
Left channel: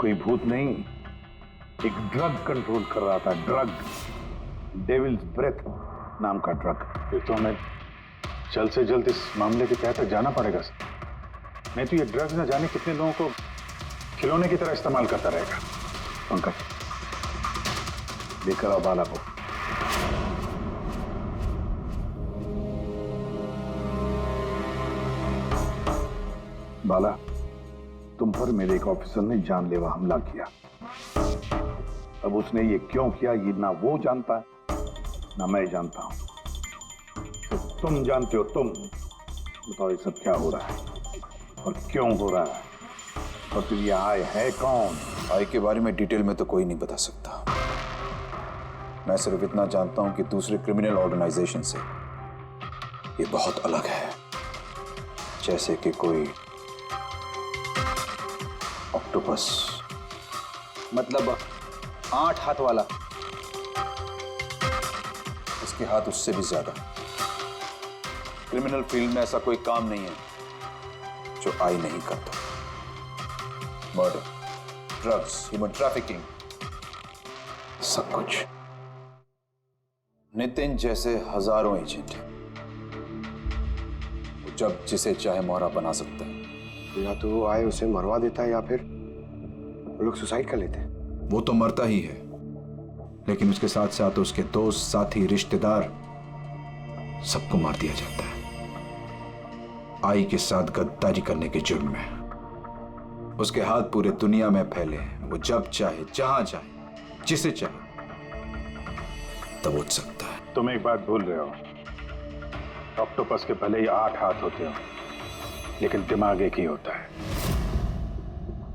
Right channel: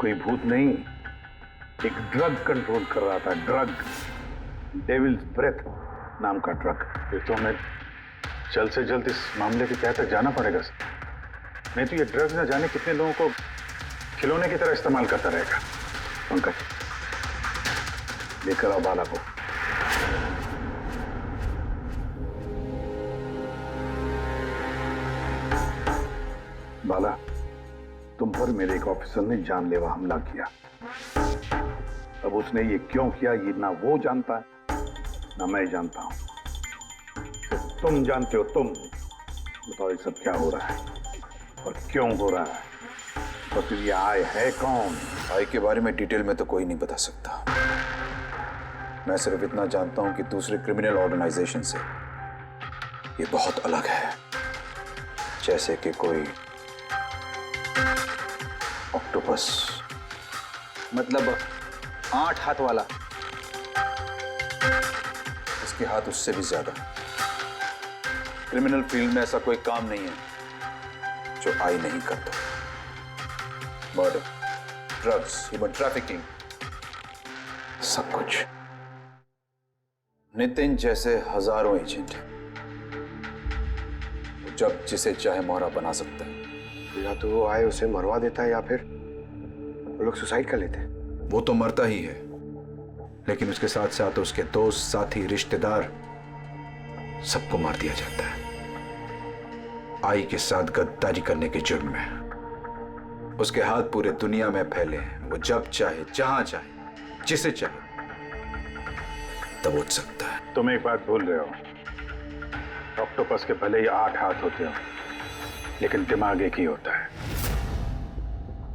कोई भूत नहीं, एक ड्रग कंट्रोल कर रहा था। ड्रग, डेविल्स ब्रेथ नाम का ड्रग। फिर तो हमें जल्द से जल्द इस मामले की तह तक जाना पड़ेगा। नहीं तो ये ड्रग्स न जाने कितने लोगों को खिलौने की तरह इस्तेमाल करता रहेगा। पंकज, लेकर आओ बाला को। बाला, तुम पर मेरे एक ऑफिसर ने जानलेवा हमला किया। अब उसने ये क्यों किया, ये ना वो जानता है ना मैं जानता हूं। तो तुम जानते हो। तुम बताओ ये सब क्या हो रहा है और क्यों हो रहा है, और फिर ये आय है कौन? आई के बारे में डिटेल में तो कोई नहीं बता सकता। मैं सिर्फ इतना जानता हूं कि दूसरे क्रिमिनल ऑर्गेनाइजेशन से ये बहुत अलग है। जैसे कि कोई ऑक्टोपस। मतलब 8 हाथ वाला। इसके हाथ उससे भी ज्यादा। क्रिमिनल फील्ड में ऐसा कोई काम नहीं है जो आई नहीं करता। मर्डर, ड्रग्स, ह्यूमन ट्रैफिकिंग, सब कुछ। नितिन जैसे हजारों एजेंट हैं, वो जब जिसे चाहे मोहरा बना सकता है। या तो वो आए उसे मरवा देता है, या फिर वो लोग सुसाइड कर लेते हैं। वो तो मरता ही है, लेकिन उसके साथ साथ उसके दोस्त, साथी, रिश्तेदार सबको मार दिया जाता है आई के साथ गद्दारी करने के जुर्म में। उसके हाथ पूरे दुनिया में फैले हैं। वो जब चाहे, जहां चाहे, जिसे चाहे दबोच सकता है। तुम एक बात भूल रहे हो। ऑक्टोपस के भले ही 8 हाथ होते हो, लेकिन दिमाग एक ही होता है।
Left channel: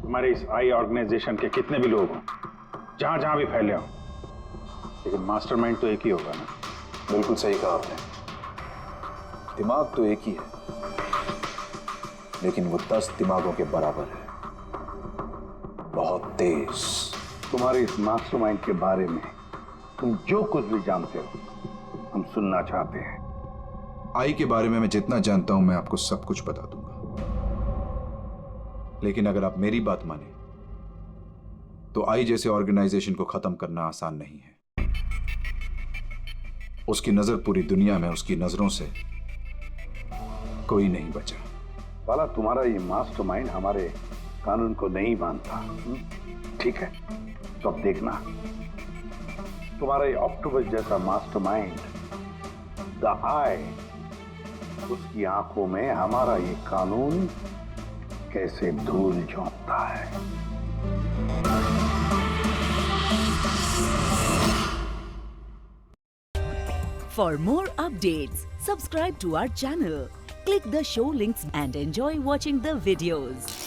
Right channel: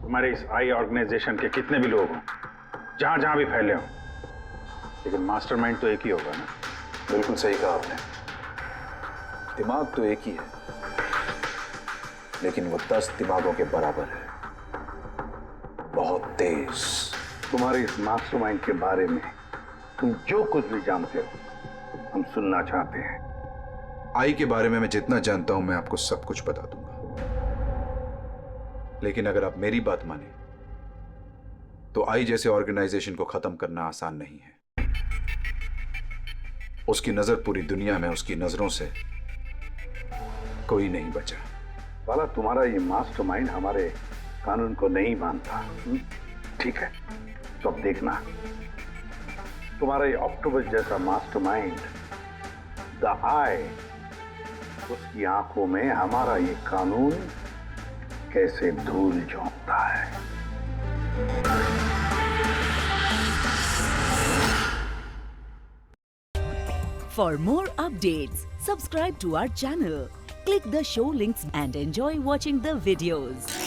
तुम्हारे इस आई ऑर्गेनाइजेशन के कितने भी लोग हों, जहां जहां भी फैले हों, लेकिन मास्टरमाइंड तो एक ही होगा ना। बिल्कुल सही कहा आपने। दिमाग तो एक ही है, लेकिन वो 10 दिमागों के बराबर है। बहुत तेज। तुम्हारे इस मास्टरमाइंड के बारे में तुम जो कुछ भी जानते हो, हम सुनना चाहते हैं। आई के बारे में मैं जितना जानता हूं, मैं आपको सब कुछ बता दूंगा। लेकिन अगर आप मेरी बात माने, तो आई जैसे ऑर्गेनाइजेशन को खत्म करना आसान नहीं है। उसकी नजर पूरी दुनिया में, उसकी नजरों से कोई नहीं बचा। बाला, तुम्हारा ये मास्टरमाइंड हमारे कानून को नहीं मानता। ठीक है, तो अब देखना, तुम्हारा ये ऑक्टोपस जैसा मास्टरमाइंड, द आई, उसकी आंखों में हमारा ये कानून कैसे धूल झोंकता है। For more updates, subscribe to our channel, click the show links and enjoy watching the videos.